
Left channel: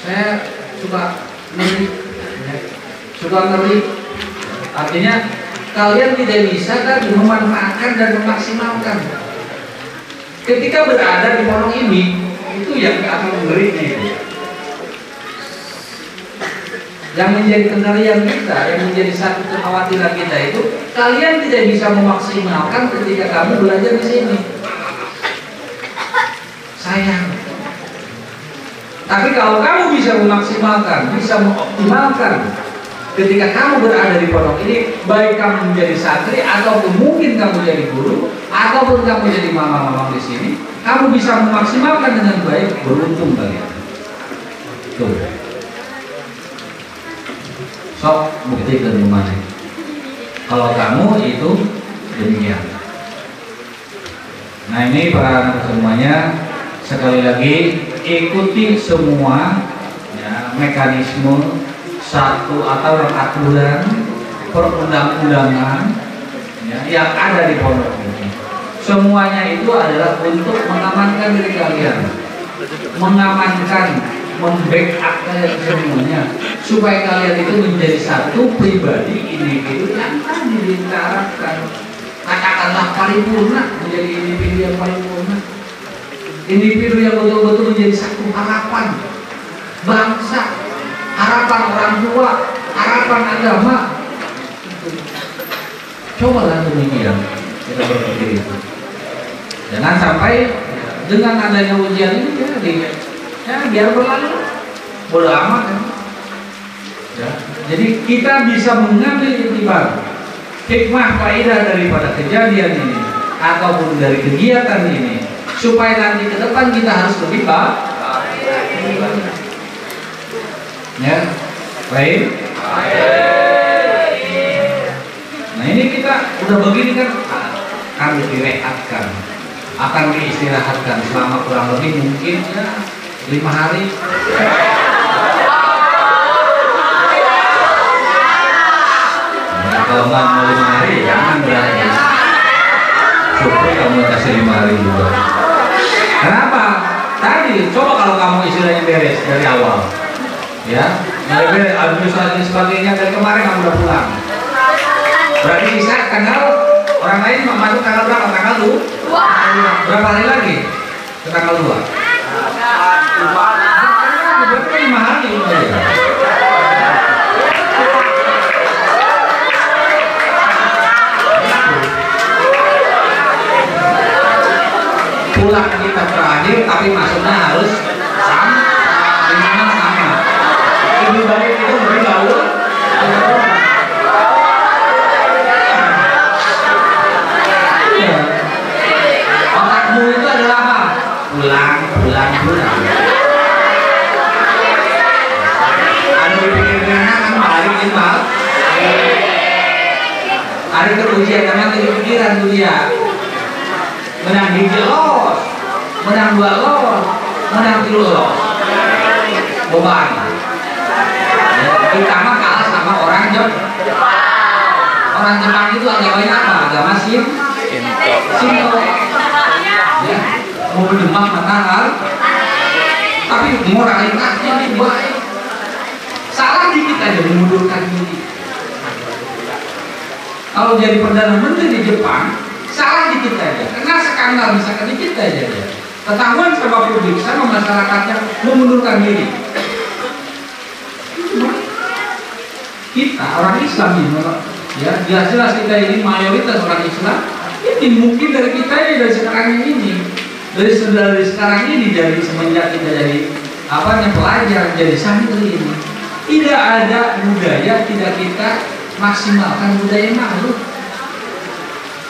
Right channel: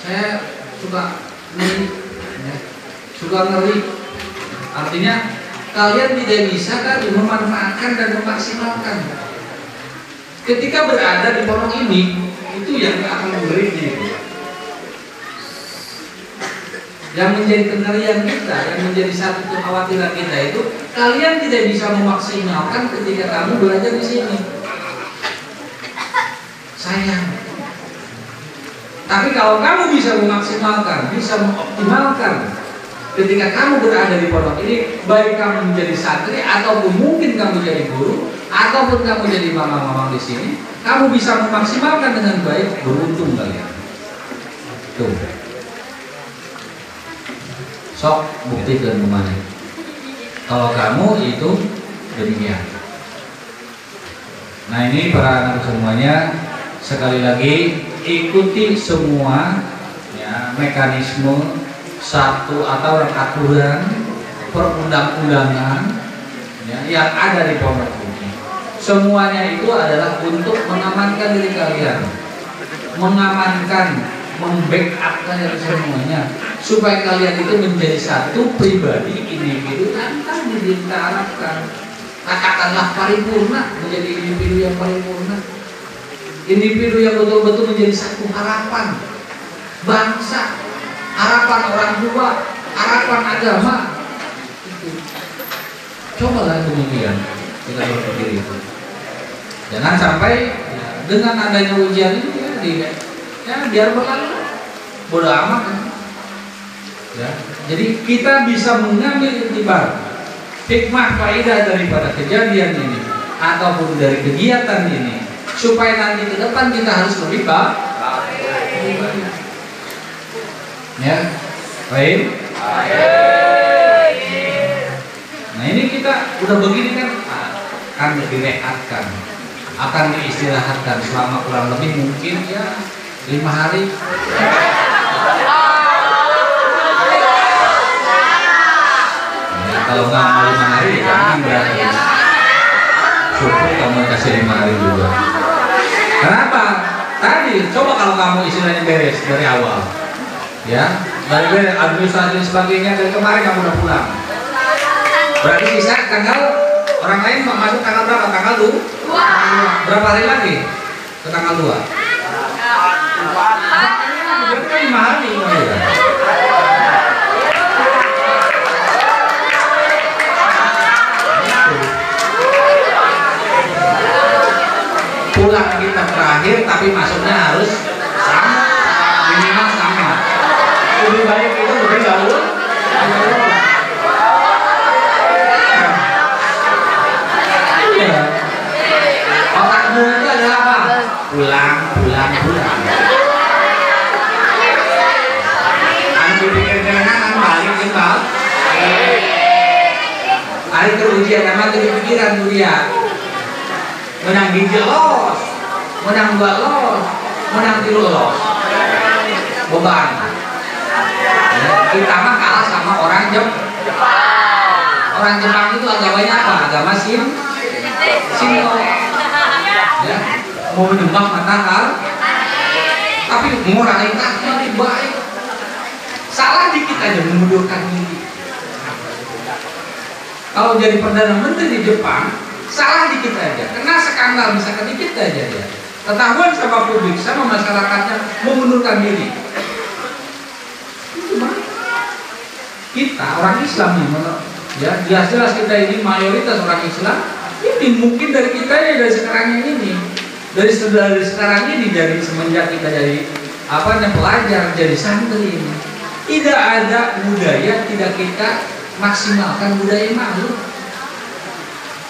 Saya suka ngeri. Artinya kalian tidak bisa kan memanfaatkan dan memaksimalkan. Ketika berada di pondok ini, itu yang akan memberinya itu. Yang menjadi kendalian kita, yang menjadi satu kekhawatiran kita itu, kalian tidak bisa memaksimalkan ketika kamu belajar di sini. Sayang. Tapi kalau kamu bisa memaksimalkan, bisa mengoptimalkan ketika kamu berada di pondok ini, baik kamu menjadi santri ataupun mungkin kamu jadi guru ataupun kamu jadi mama-mama di sini, kamu bisa memaksimalkan dengan baik, beruntung kalian. Tuh. Sok buktikan kemana. Kalau kamu itu demikian. Nah ini para anak semuanya, sekali lagi ikuti semua ya, mekanisme satu atau aturan perundang-undangan ya, yang ada di pondok ini. Semuanya itu adalah untuk mengamankan diri kalian, mengamankan, membackup kalian semuanya, supaya kalian itu menjadi satu pribadi individu yang tadi diharapkan. Katakanlah paripurna, menjadi individu yang paripurna. Individu yang betul-betul menjadi satu harapan, bangsa, harapan orang tua, harapan agama. Cobalah demikian kita berpikir itu. Jangan sampai dengan adanya ujian ini biar berlalu, bodo amat. Ya. Jadi kita bisa mengambil iktibar hikmah faedah daripada kejadian ini ataupun dari kegiatan ini, supaya nanti ke depan kita harus lebih baik. Ya, baik. Nah ini kita udah begini kan akan direhatkan, akan diistirahatkan selama kurang lebih mungkin ya 5 hari. Kalau nggak mau 5 hari jangan berarti. Syukur kamu kasih 5 hari juga. Kenapa? Tadi coba kalau kamu istilahnya beres dari awal, ya dari beres administrasi sebagainya dari kemarin kamu udah pulang. Berarti bisa tanggal orang lain mau masuk tanggal berapa? Tanggal 2. Berapa hari lagi ke tanggal 2? Berarti kan 5 hari. Pulang kita terakhir tapi masuknya harus sama, minimal sama. Lebih baik itu lebih jauh. Otakmu itu adalah apa? Pulang. Anu dipikir dengan kan balik timbal. Hari kerugian sama kepikiran dia. Menang 3 los, menang 2 los, menang 3 los. Bukan. Ya, kita mah kalah sama orang Jepang. Orang Jepang itu agamanya apa? Agama Shinto. Ya, mau menyumbang matahal, tapi moralitasnya ini baik. Salah dikit aja mengundurkan diri. Kalau jadi perdana menteri di Jepang, salah dikit aja, karena skandal bisa sedikit aja dia. Ketahuan sama publik, sama masyarakatnya mengundurkan diri. Kita orang Islam ini, ya jelas kita ini mayoritas orang Islam. Ini mungkin dari kita ya dari sekarang ini, dari sekarang ini, dari semenjak kita jadi pelajar, jadi santri ini, tidak ada budaya tidak kita maksimalkan budaya malu.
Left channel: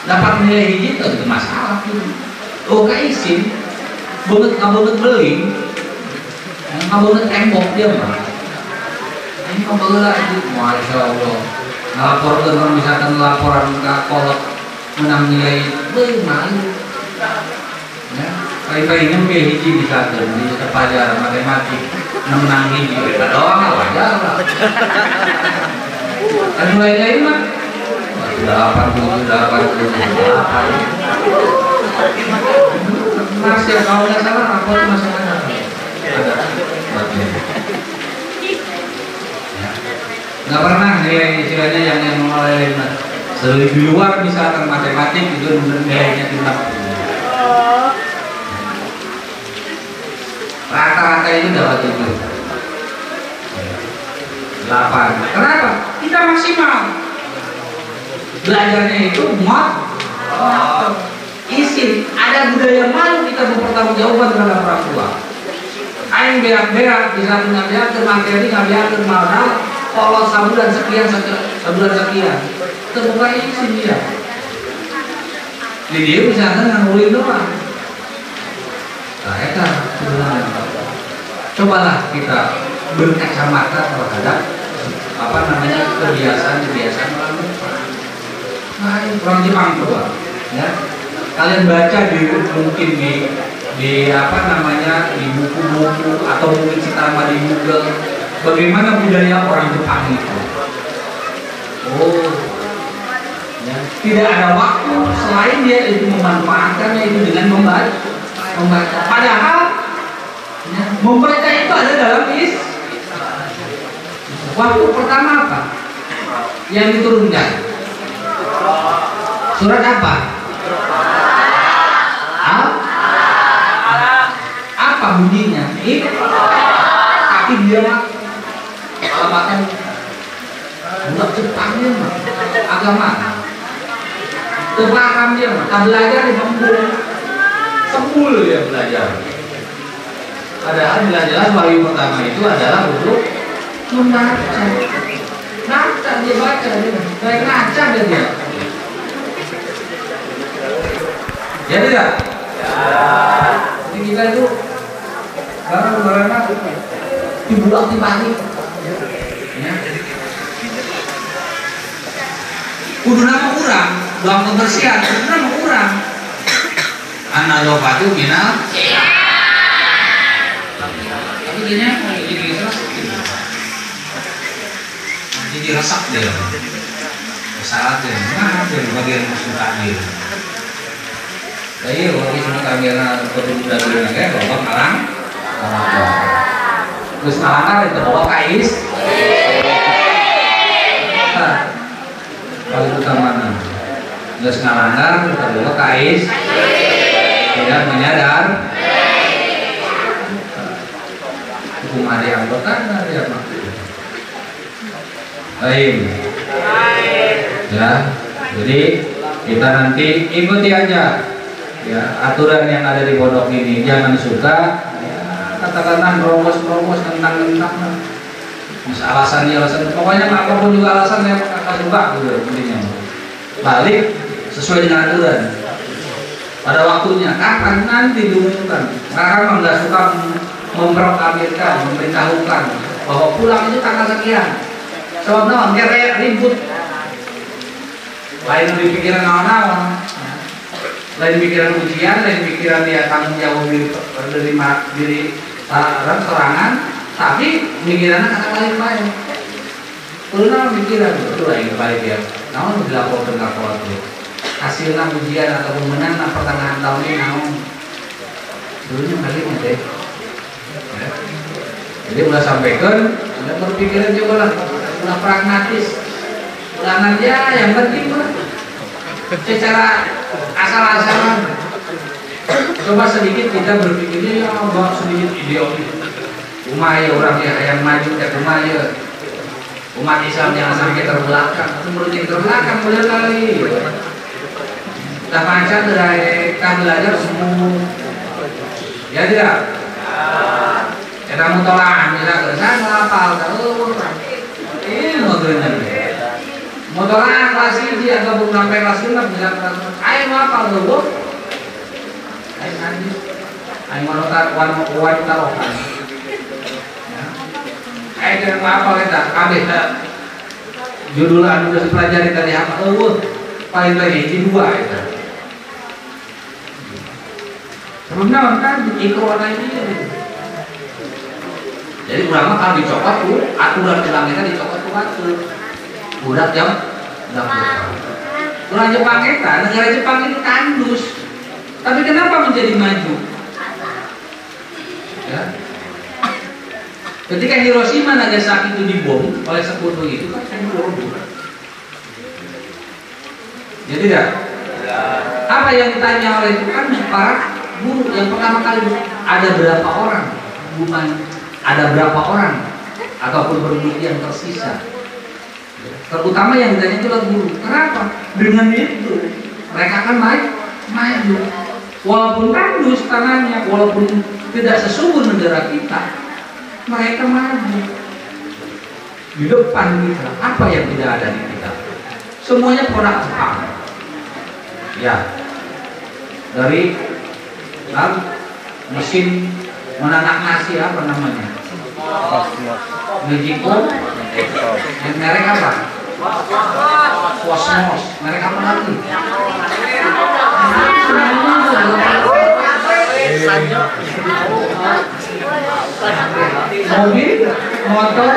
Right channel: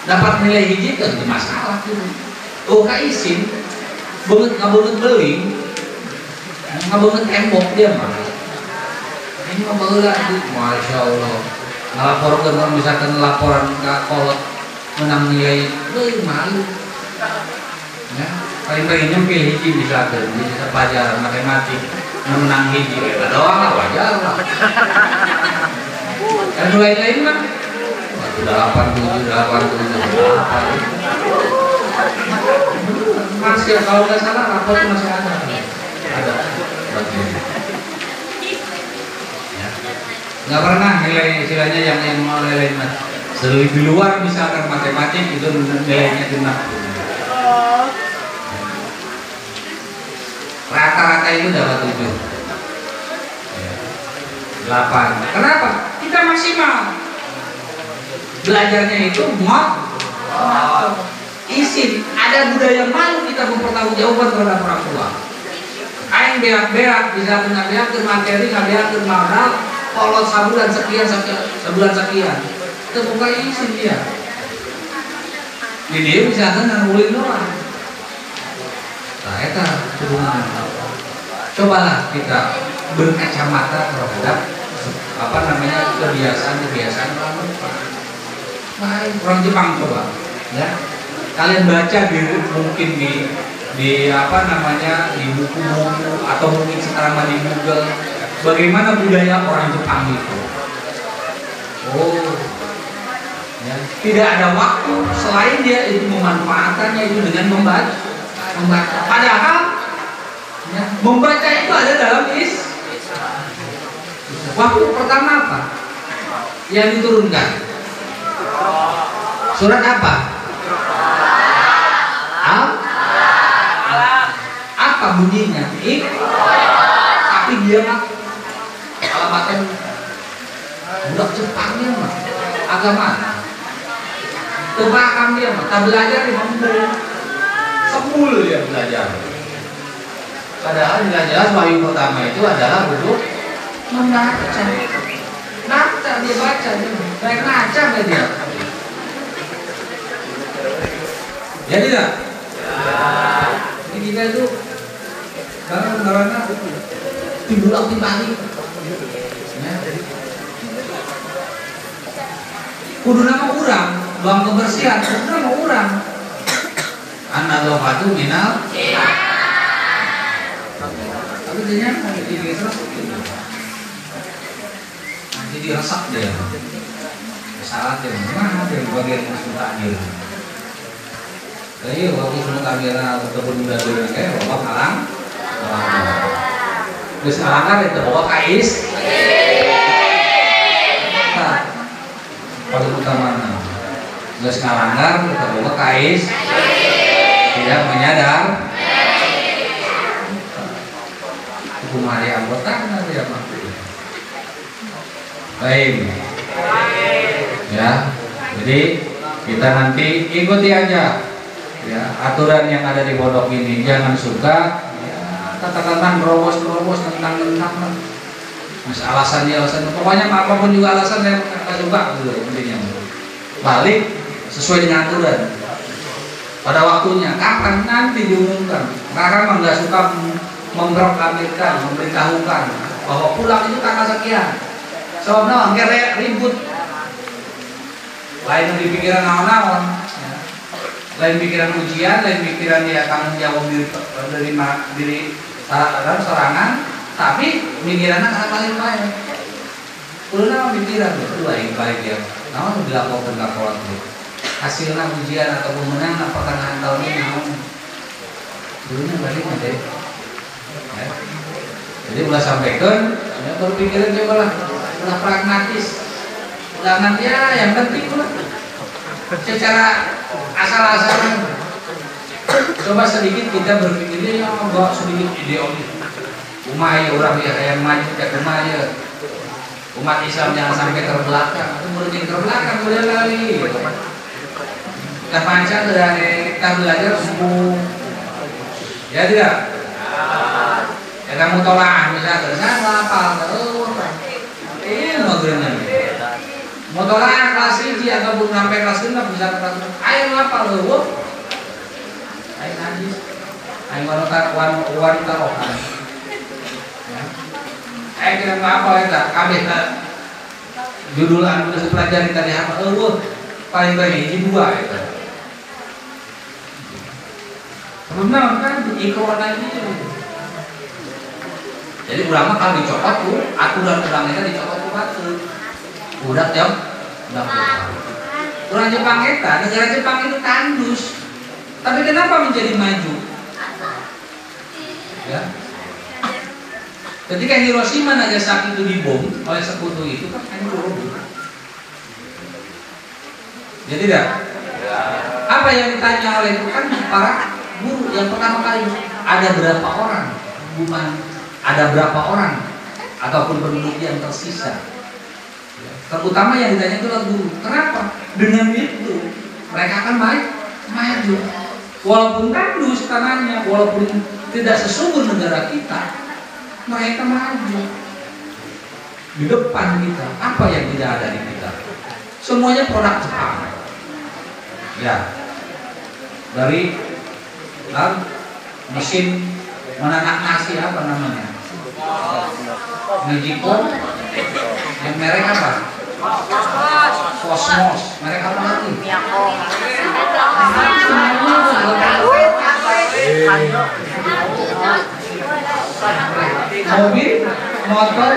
Dapat nilai hiji itu masalah tuh. Oh kaisin, ngabulet beling, ngabulet embok dia mah. Ini pembelah itu, masya Allah. Ngelaporkan kalau misalkan laporan ke kolot menang nilai, malu. Ya, paling-paling nyampe hiji misalkan di pelajaran matematik menang hiji, beda doang lah wajar lah. Kan lain mah 88 masih kalau nggak salah rapor masih ada nggak pernah nilai istilahnya yang mulai di luar misalkan matematik itu nilainya 60 rata-rata itu dapat 7 8. Kenapa? Kita maksimal belajarnya itu isin, ada budaya malu kita bertanggung-jawaban terhadap orang tua. Aing berak-berak bisa mengajar materi, ngajar modal, kalau sebulan sekian. Itu mulai isin dia. Jadi dia bisa nganggurin doang. Nah, itu cobalah kita berkacamata terhadap kebiasaan orang Jepang. Baik, orang Jepang coba, ya. Kalian baca mungkin di buku-buku atau mungkin sekarang di Google bagaimana budaya orang Jepang itu. Oh, ya. Tidak ada waktu selain dia itu memanfaatkannya itu dengan membaca. Padahal ya, membaca itu ada dalam waktu pertama apa yang diturunkan? Surat apa? Apa bunyinya? Tapi dia mah alamatan budak Jepangnya mah agama terpaham dia mah tak belajar di Bambul 10 ya belajar. Padahal jelas wahyu pertama itu adalah untuk membaca. Baca dia baca dia, baik baca dia. Ya tidak? Jadi kita itu barang-barangnya dibuat di pagi. Ya. Kudu nama kurang, buang kebersihan, kudu nama kurang. Anak lo batu minal. Tapi dia jadi resak dia. Salah dia, mana dia bagian musuh takdir. Tapi waktu semua kamera betul dari negara bawa kalang, terus kalangan itu bawa kais. Kalau kita mana, terus kalangan kita bawa kais, tidak menyadar. Hukum yang bukan dia. Baik, ya. Jadi kita nanti ikuti aja. Ya, aturan yang ada di pondok ini jangan suka ya, katakanlah terus tentang alasannya pokoknya apapun juga alasannya kata suka gitu intinya. Balik sesuai dengan aturan pada waktunya kapan nanti diumumkan. Sekarang nggak suka memproklamirkan, memberitahukan bahwa pulang itu tanggal sekian. Soalnya nggak ribut lain di pikiran naon-naon. Lain pikiran ujian, lain pikiran dia tanggung jawab diri serangan, tapi pikirannya kata lain. Karena pikiran itu lain baik ya. Namun dilaporkan ke kolektif. Hasilnya ujian atau pemenang pertengahan tahun ini namun dulunya balik nanti. Ya. Jadi udah sampaikan, udah berpikiran coba lah, udah pragmatis. Ulangan ya yang penting lah. Secara asal-asalan coba sedikit kita berpikirnya ya buat sedikit ideologi umaya orang yang maju kayak umaya umat Islam jangan sampai terbelakang atau murid terbelakang benar kali kita pancar dari kita belajar semua ya tidak kita mau tolak misalnya sana apa ini mengernya motoran kelas ini atau belum sampai kelas 5 bisa ayo apa lo? Ayo nanti, ayo wanita rohani. Ayo kita apa kita? Kabeh judul anu sudah pelajari tadi apa? Oh, paling ini 2 itu. Sebelumnya kan ikut lagi. Jadi ulama kalau dicopot tuh aturan ulangnya dicopot tuh batu. Budak jam, orang Jepang kita, negara Jepang itu tandus, tapi kenapa menjadi maju? Ya. Ketika Hiroshima Nagasaki itu dibom oleh sekutu itu kan jadi tidak? Apa yang ditanya oleh itu kan para guru yang pertama kali ada berapa orang, bukan ada berapa orang ataupun penduduk yang tersisa. Terutama yang ditanya itulah guru. Kenapa? Dengan itu mereka akan maju. Walaupun tandus tangannya, walaupun tidak sesungguh negara kita, mereka maju. Di depan kita, apa yang tidak ada di kita? Semuanya produk Jepang. Ya, dari mesin menanak nasi apa namanya? Mejipo, merek apa? Cosmos, merek apa lagi? Mobil, motor,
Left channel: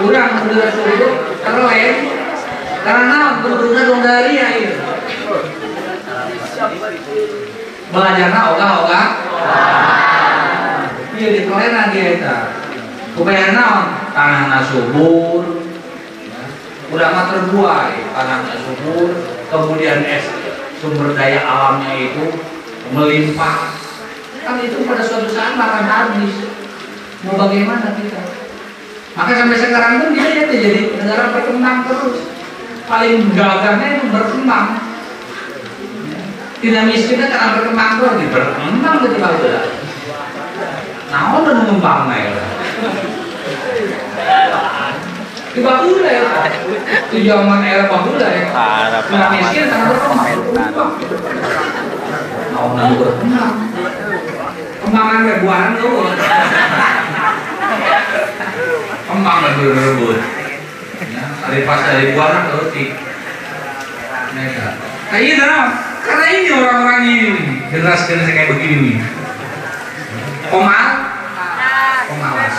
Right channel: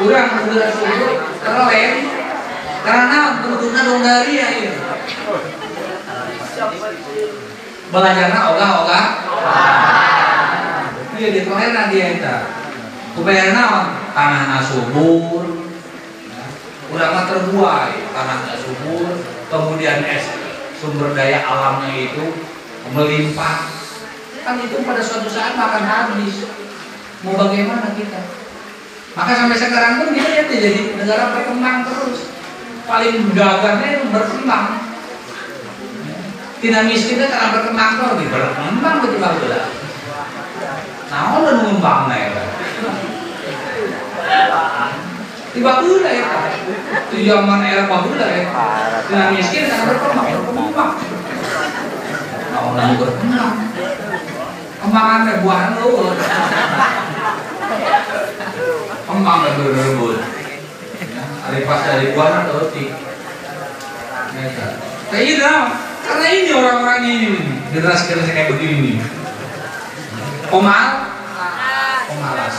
kurang terlain karena benar-benar dari ya itu. Belajarnya ogah-ogah. Iya di kelena dia itu. Kebayang naon tanahnya subur, udah mah terbuai tanahnya subur, kemudian sumber daya alamnya itu melimpah, kan itu pada suatu saat makan habis. Mau bagaimana kita? Maka sampai sekarang pun kita jadi negara berkembang terus. Paling gagahnya itu berkembang. Ya. Tidak miskinnya karena berkembang terus, berkembang betul betul. Nah, udah mengembang ya. Di bahula ya. Itu zaman era bahula ya. Tidak miskin karena berkembang. Nah, orang berkembang. Kembangan ribuan loh. Kembang dan berebut. Dari pas dari buah atau tik. Mereka. Kayak karena ini orang-orang ini generasi kayak begini nih. Pemalas.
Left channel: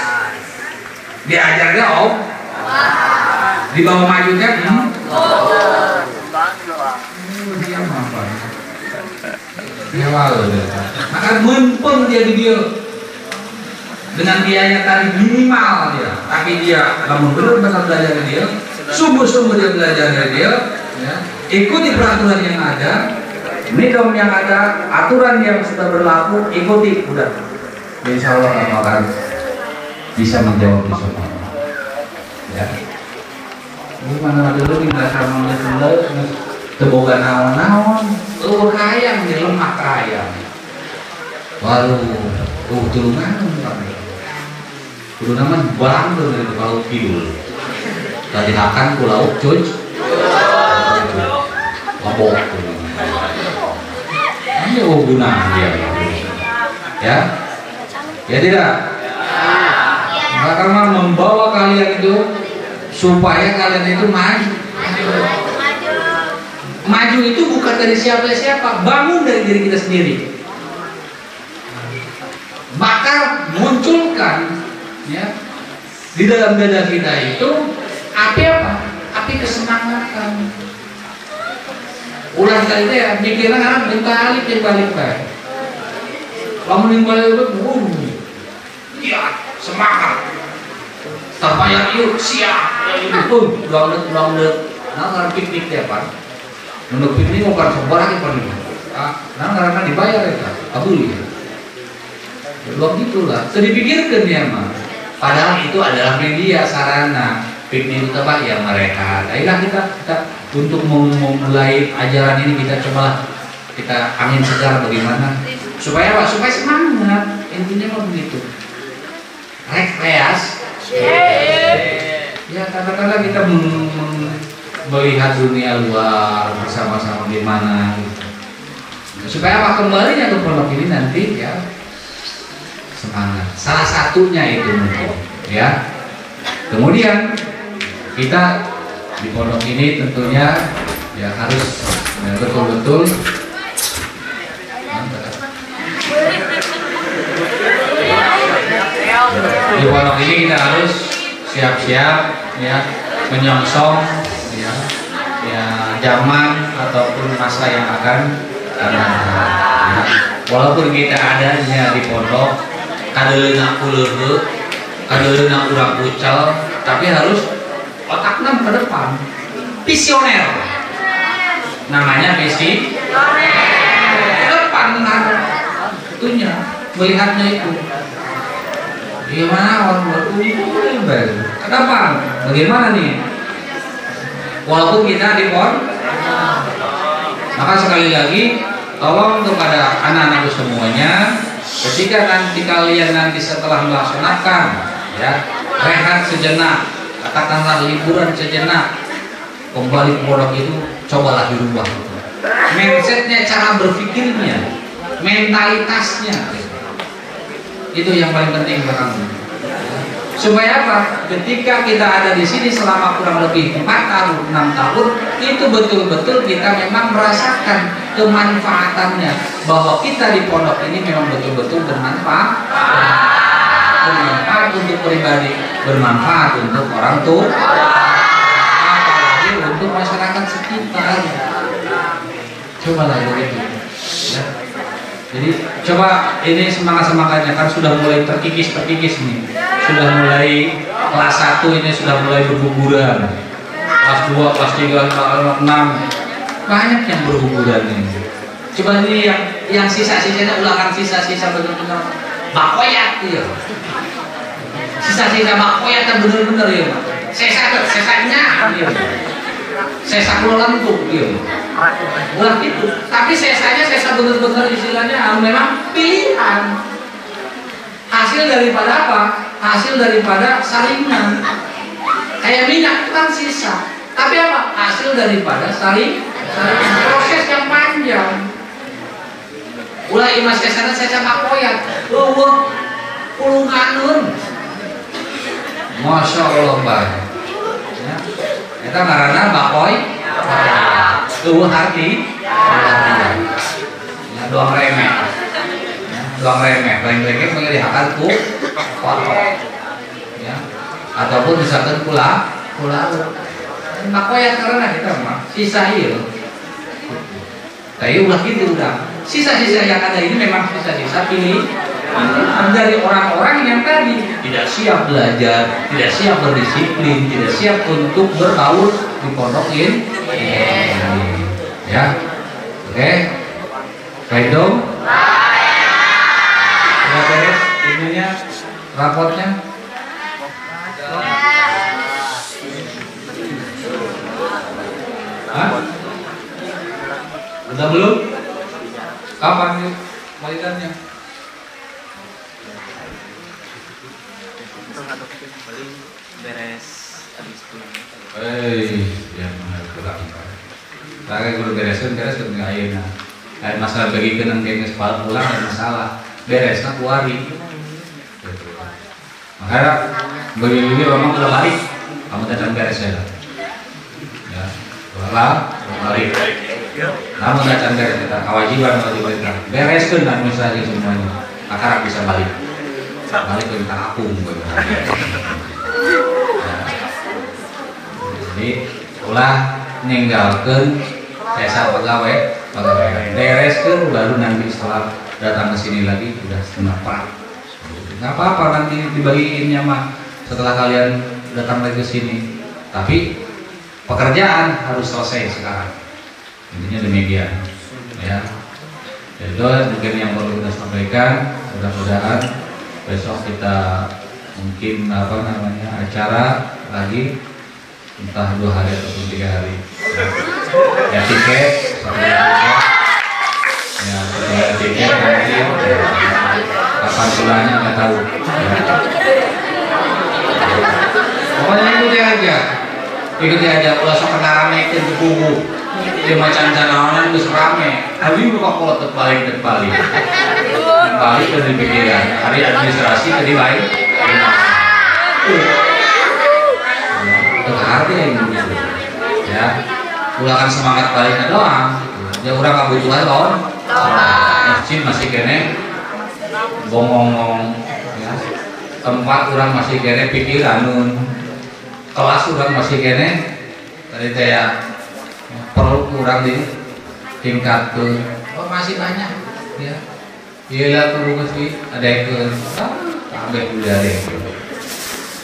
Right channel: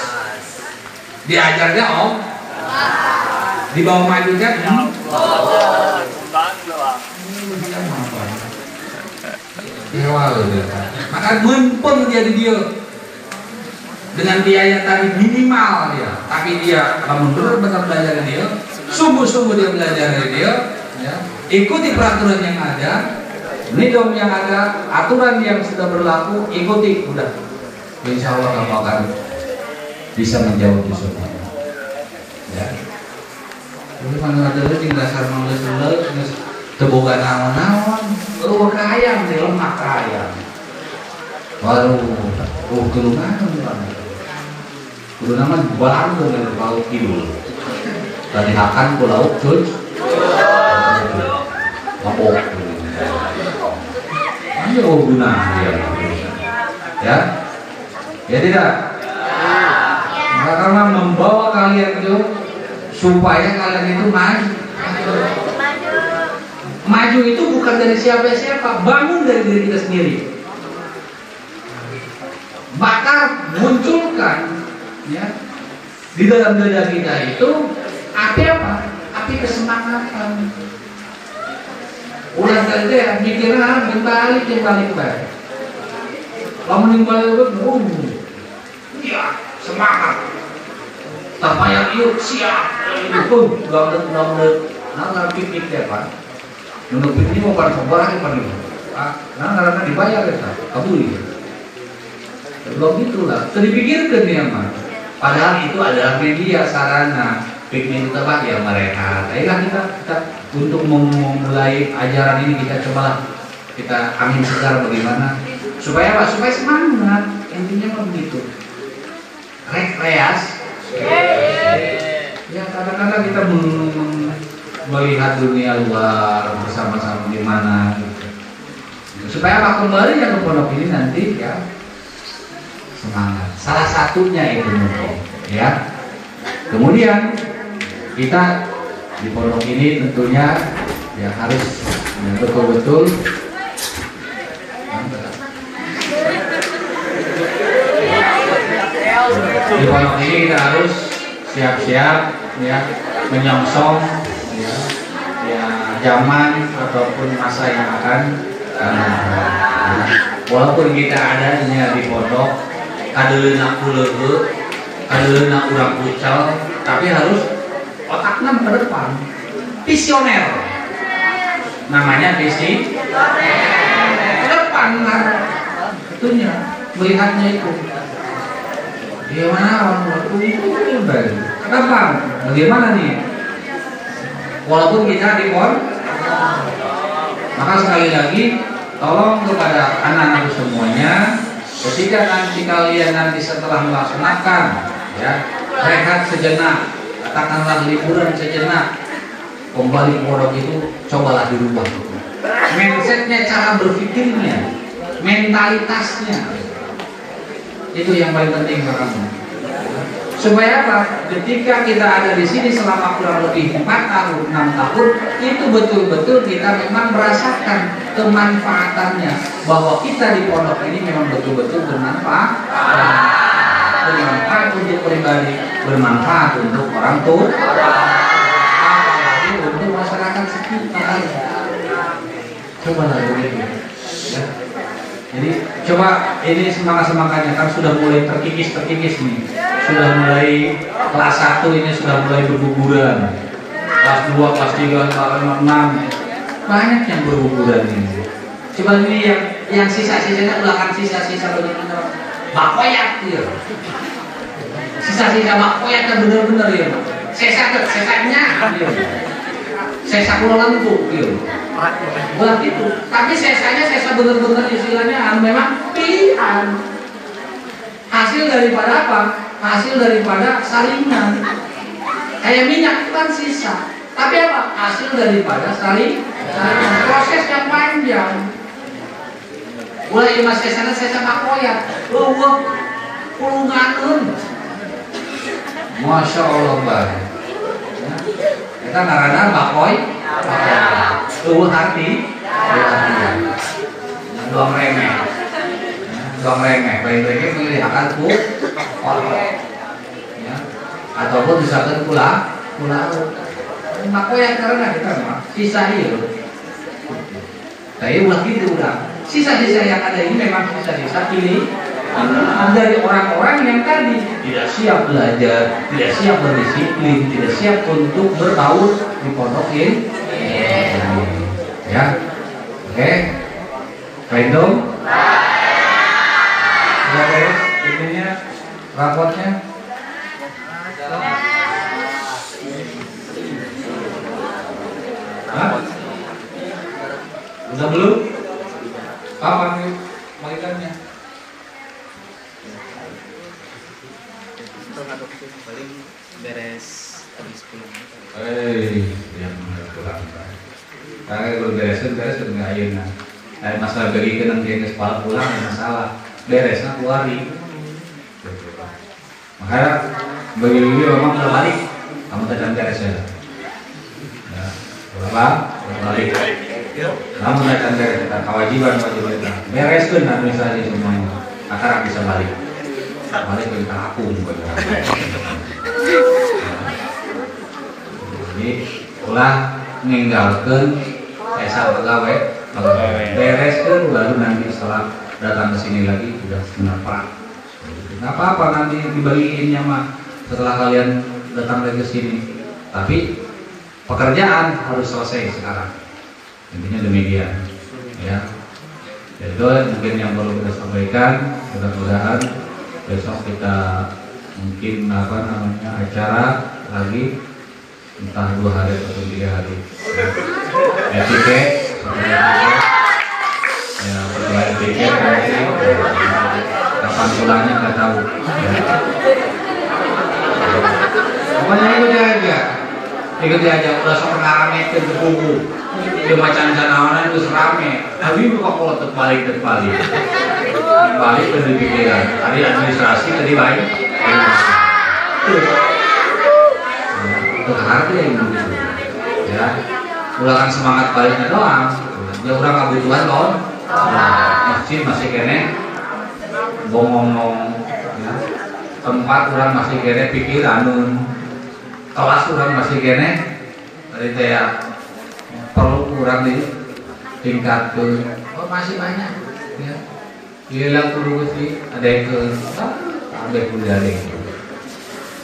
Diajarnya dibawa majunya maka mumpung dia di dia dengan biaya tadi minimal dia, tapi dia kamu benar-benar belajar dari dia, sungguh-sungguh dia belajar dari dia, ya. Ikuti peraturan yang ada, nidom yang ada, aturan yang sudah berlaku, ikuti, udah. Insya Allah kamu akan bisa menjawab di sana. Ya. Bukan ada lu di dasar mengeluh, teboga naon-naon, kaya di lemak kaya. Baru, turunan. Dulu nama barang tuh dari laut kidul. Tadi akan ke laut cuy. Ngobok. Ini guna dia. Ya? Ya tidak. Maka karena membawa kalian itu supaya kalian itu maju. Maju itu bukan dari siapa-siapa, bangun dari diri kita sendiri. Maka munculkan ya di dalam dada kita itu api apa? Api kesemangatan. Ulah kali ya pikiran balik baik. Lamun yang balik ya semangat. Tapaya yuk siap itu banget. Nah karena piknik ya Pak. Menurut piknik bukan sebarang yang paling. Nah karena dibayar ya kabuli. Begitulah. Tadi dipikirkan ya mah. Padahal itu adalah media sarana piknik itu Pak yang mereka. Ayolah kita untuk memulai ajaran ini kita coba kita angin segar bagaimana supaya apa? Supaya semangat. Intinya mah begitu. Rekreasi. Ya kadang-kadang kita melihat dunia luar bersama-sama di mana gitu. Supaya apa kembali yang ke pondok ini nanti ya semangat. Salah satunya itu mungkin ya. Kemudian kita di pondok ini tentunya ya harus betul-betul di pondok ini kita harus siap-siap ya menyongsong ya zaman ataupun masa yang akan datang. Ya. Walaupun kita adanya di pondok kadeuna kuleuh, kadeuna urang pucal, tapi harus otaknya ke depan. Visioner. Namanya visi. Ke depan kan. Itunya, melihatnya itu. Gimana orang kenapa? Bagaimana nih? Walaupun kita di pondok, maka sekali lagi tolong kepada anak-anak semuanya, ketika nanti kalian nanti setelah melaksanakan ya rehat sejenak, katakanlah liburan sejenak, kembali ke pondok itu cobalah dirubah. Mindsetnya, cara berpikirnya, mentalitasnya. Itu yang paling penting buat kamu. Supaya apa? Ketika kita ada di sini selama kurang lebih 4 tahun, 6 tahun, itu betul-betul kita memang merasakan kemanfaatannya, bahwa kita di pondok ini memang betul-betul bermanfaat. Bermanfaat untuk pribadi, bermanfaat untuk orang tua, apalagi untuk masyarakat sekitar. Cobalah begitu. Ya. Jadi coba ini semangat-semangatnya kan sudah mulai terkikis nih. Sudah mulai kelas 1 ini sudah mulai berguguran. Kelas 2, kelas 3, kelas 6 banyak yang berguguran ini. Cuma ini yang sisa-sisanya ulangan sisa-sisa benar-benar bakoyat ya. Sisa-sisa bakoyat kan benar-benar ya. Sesanya ya. Sesa lentuk ya. Ulah gitu. Tapi sesanya sesa benar-benar istilahnya memang pilihan. Hasil daripada apa? Hasil daripada saringan. Kayak minyak itu kan sisa. Tapi apa? Hasil daripada saringan. Proses yang panjang. Ulah imas kesana saya sama koyat. Pulunganun. Masya Allah banyak. Kita karena bakoy. Hati. Doang remeh. Doang remeh. Lain-lainnya mengerjakan ya. Ataupun misalkan pulang. Bakoy karena kita mah sisa itu. Tapi ulah gitu udah. Sisa-sisa yang ada ini memang sisa-sisa pilih dari orang-orang yang tadi tidak siap belajar, tidak siap berdisiplin, tidak siap untuk bergaul di pondok ini. Ya, oke, random. Oke, ininya rapotnya. Hah? Udah belum? Kapan nih balikannya? Paling beres habis pulang. Ya pulang. Tadi kalau beres dengan airnya. Ada masalah bagi kenang kenges pulang ada masalah. Beresnya keluari. Makanya begini memang kalau balik kamu datang beres ya. Ya, balik. Namun datang beres kita kewajiban kita bereskan administrasi semuanya. Akar bisa balik ke kampung. Jadi ulah ninggalkan sesa pegawai bereskan lalu nanti setelah datang ke sini lagi udah setengah pak. Nggak apa-apa nanti dibagiinnya mah setelah kalian datang lagi ke sini. Tapi pekerjaan harus selesai sekarang. Intinya demikian, ya. Itu mungkin yang perlu kita sampaikan. Mudah-mudahan besok kita mungkin acara lagi entah 2 hari atau 3 hari. Ya tiket, nanti kapan pulangnya nggak tahu. Pokoknya ikuti aja. Besok kendaraan itu buku. Dia macam janawanan itu serame. Habis buka pola terbalik. Balik ke pikiran. Hari administrasi tadi baik. Itu hati yang begitu. Ya, ulangan semangat baliknya doang. Ya orang kebutuhan doang. Masjid masih kene bongong. Ya. Tempat orang masih kene pikiran. Kelas orang masih kene. Tadi saya perlu kurang di tingkat ke masih banyak ya. Iya perlu sih ada yang ke sampai kuliah itu.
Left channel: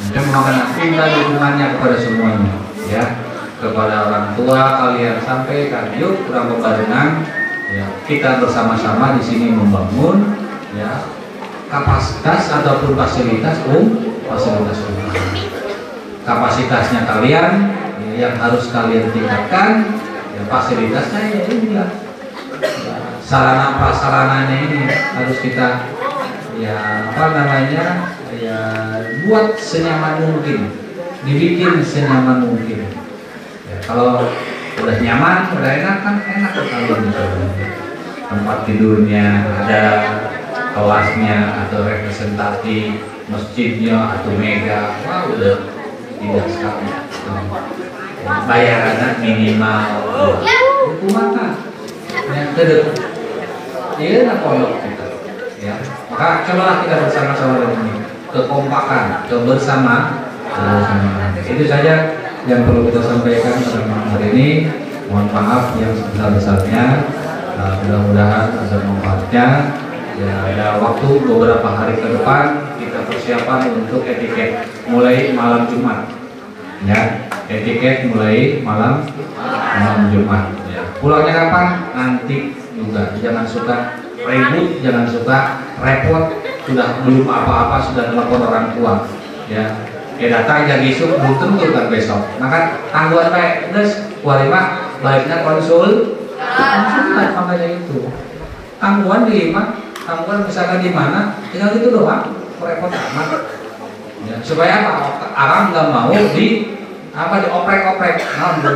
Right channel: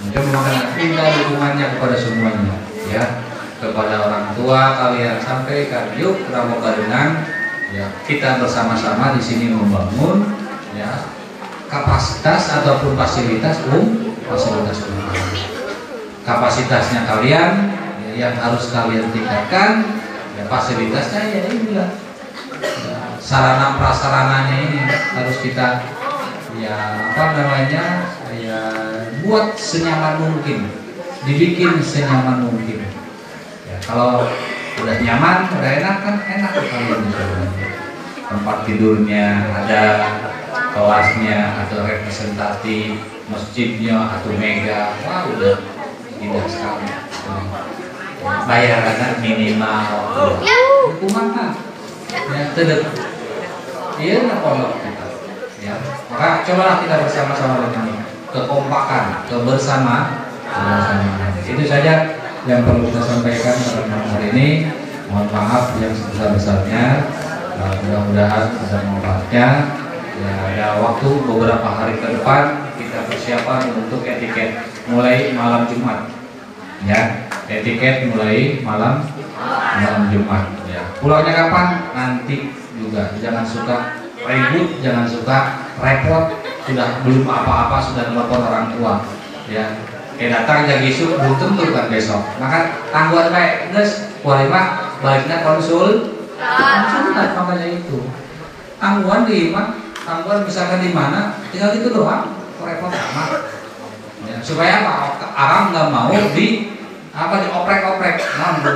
Mungkin makan tinggal dukungannya kepada semuanya ya, kepada orang tua kalian sampaikan yuk kurang berbarengan ya, kita bersama-sama di sini membangun ya kapasitas ataupun fasilitas umum. Kapasitasnya kalian ya, yang harus kalian tingkatkan ya, fasilitasnya ya inilah ya, sarana prasarananya ini harus kita ya ya buat senyaman mungkin, dibikin senyaman mungkin ya, kalau udah nyaman udah enak kan enak kalau misalnya tempat tidurnya ada, kelasnya atau representatif, masjidnya atau mega, wah udah indah sekali. Bayarannya minimal hukuman kan yang terdekat iya nak pondok kita ya. Maka cobalah kita bersama-sama dengan ini kekompakan, kebersamaan. Itu saja yang perlu kita sampaikan pada malam hari ini. Mohon maaf yang sebesar-besarnya. Mudah-mudahan ada manfaatnya ya. Ada waktu beberapa hari ke depan kita persiapan untuk etiket mulai malam Jumat ya. Etiket mulai malam Jumat ya. Pulangnya kapan? Nanti juga juga. Jangan suka ribut, jangan suka repot. Sudah belum apa-apa sudah telepon orang tua, ya. Datang jadi isu belum tentu kan besok. Maka tangguhan baik, terus kualima baiknya konsultan makanya itu. Tangguhan di mana? Tangguhan misalkan di mana? Tinggal gitu doang, repot amat. Ya, supaya apa? Orang nggak mau dioprek-oprek,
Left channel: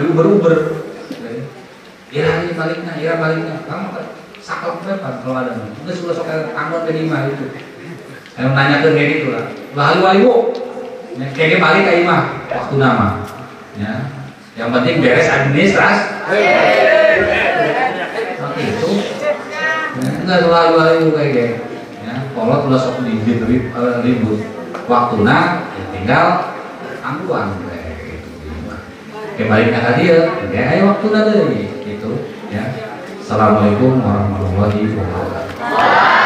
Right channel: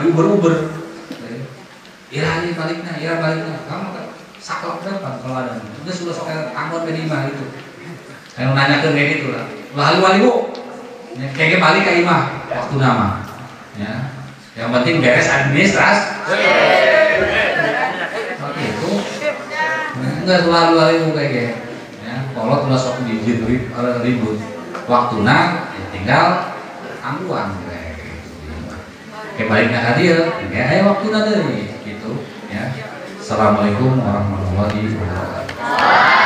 diuber-uber. Ya baliknya. Kamu kan saklek berapa kalau ada? Sudah suka tangguhan ke lima itu. Saya nanya ke kayak gitu lah. Balik bu. Ya, kayak balik ke imah waktu nama. Ya. Yang penting beres administrasi. Oke itu. Enggak selalu kayak gitu. Ya, kalau terus waktu ribut waktuna ya tinggal tangguhan kayak gitu. Kayak baliknya hadir, kayak ayo waktuna dari gitu. Ya. Assalamualaikum warahmatullahi wabarakatuh.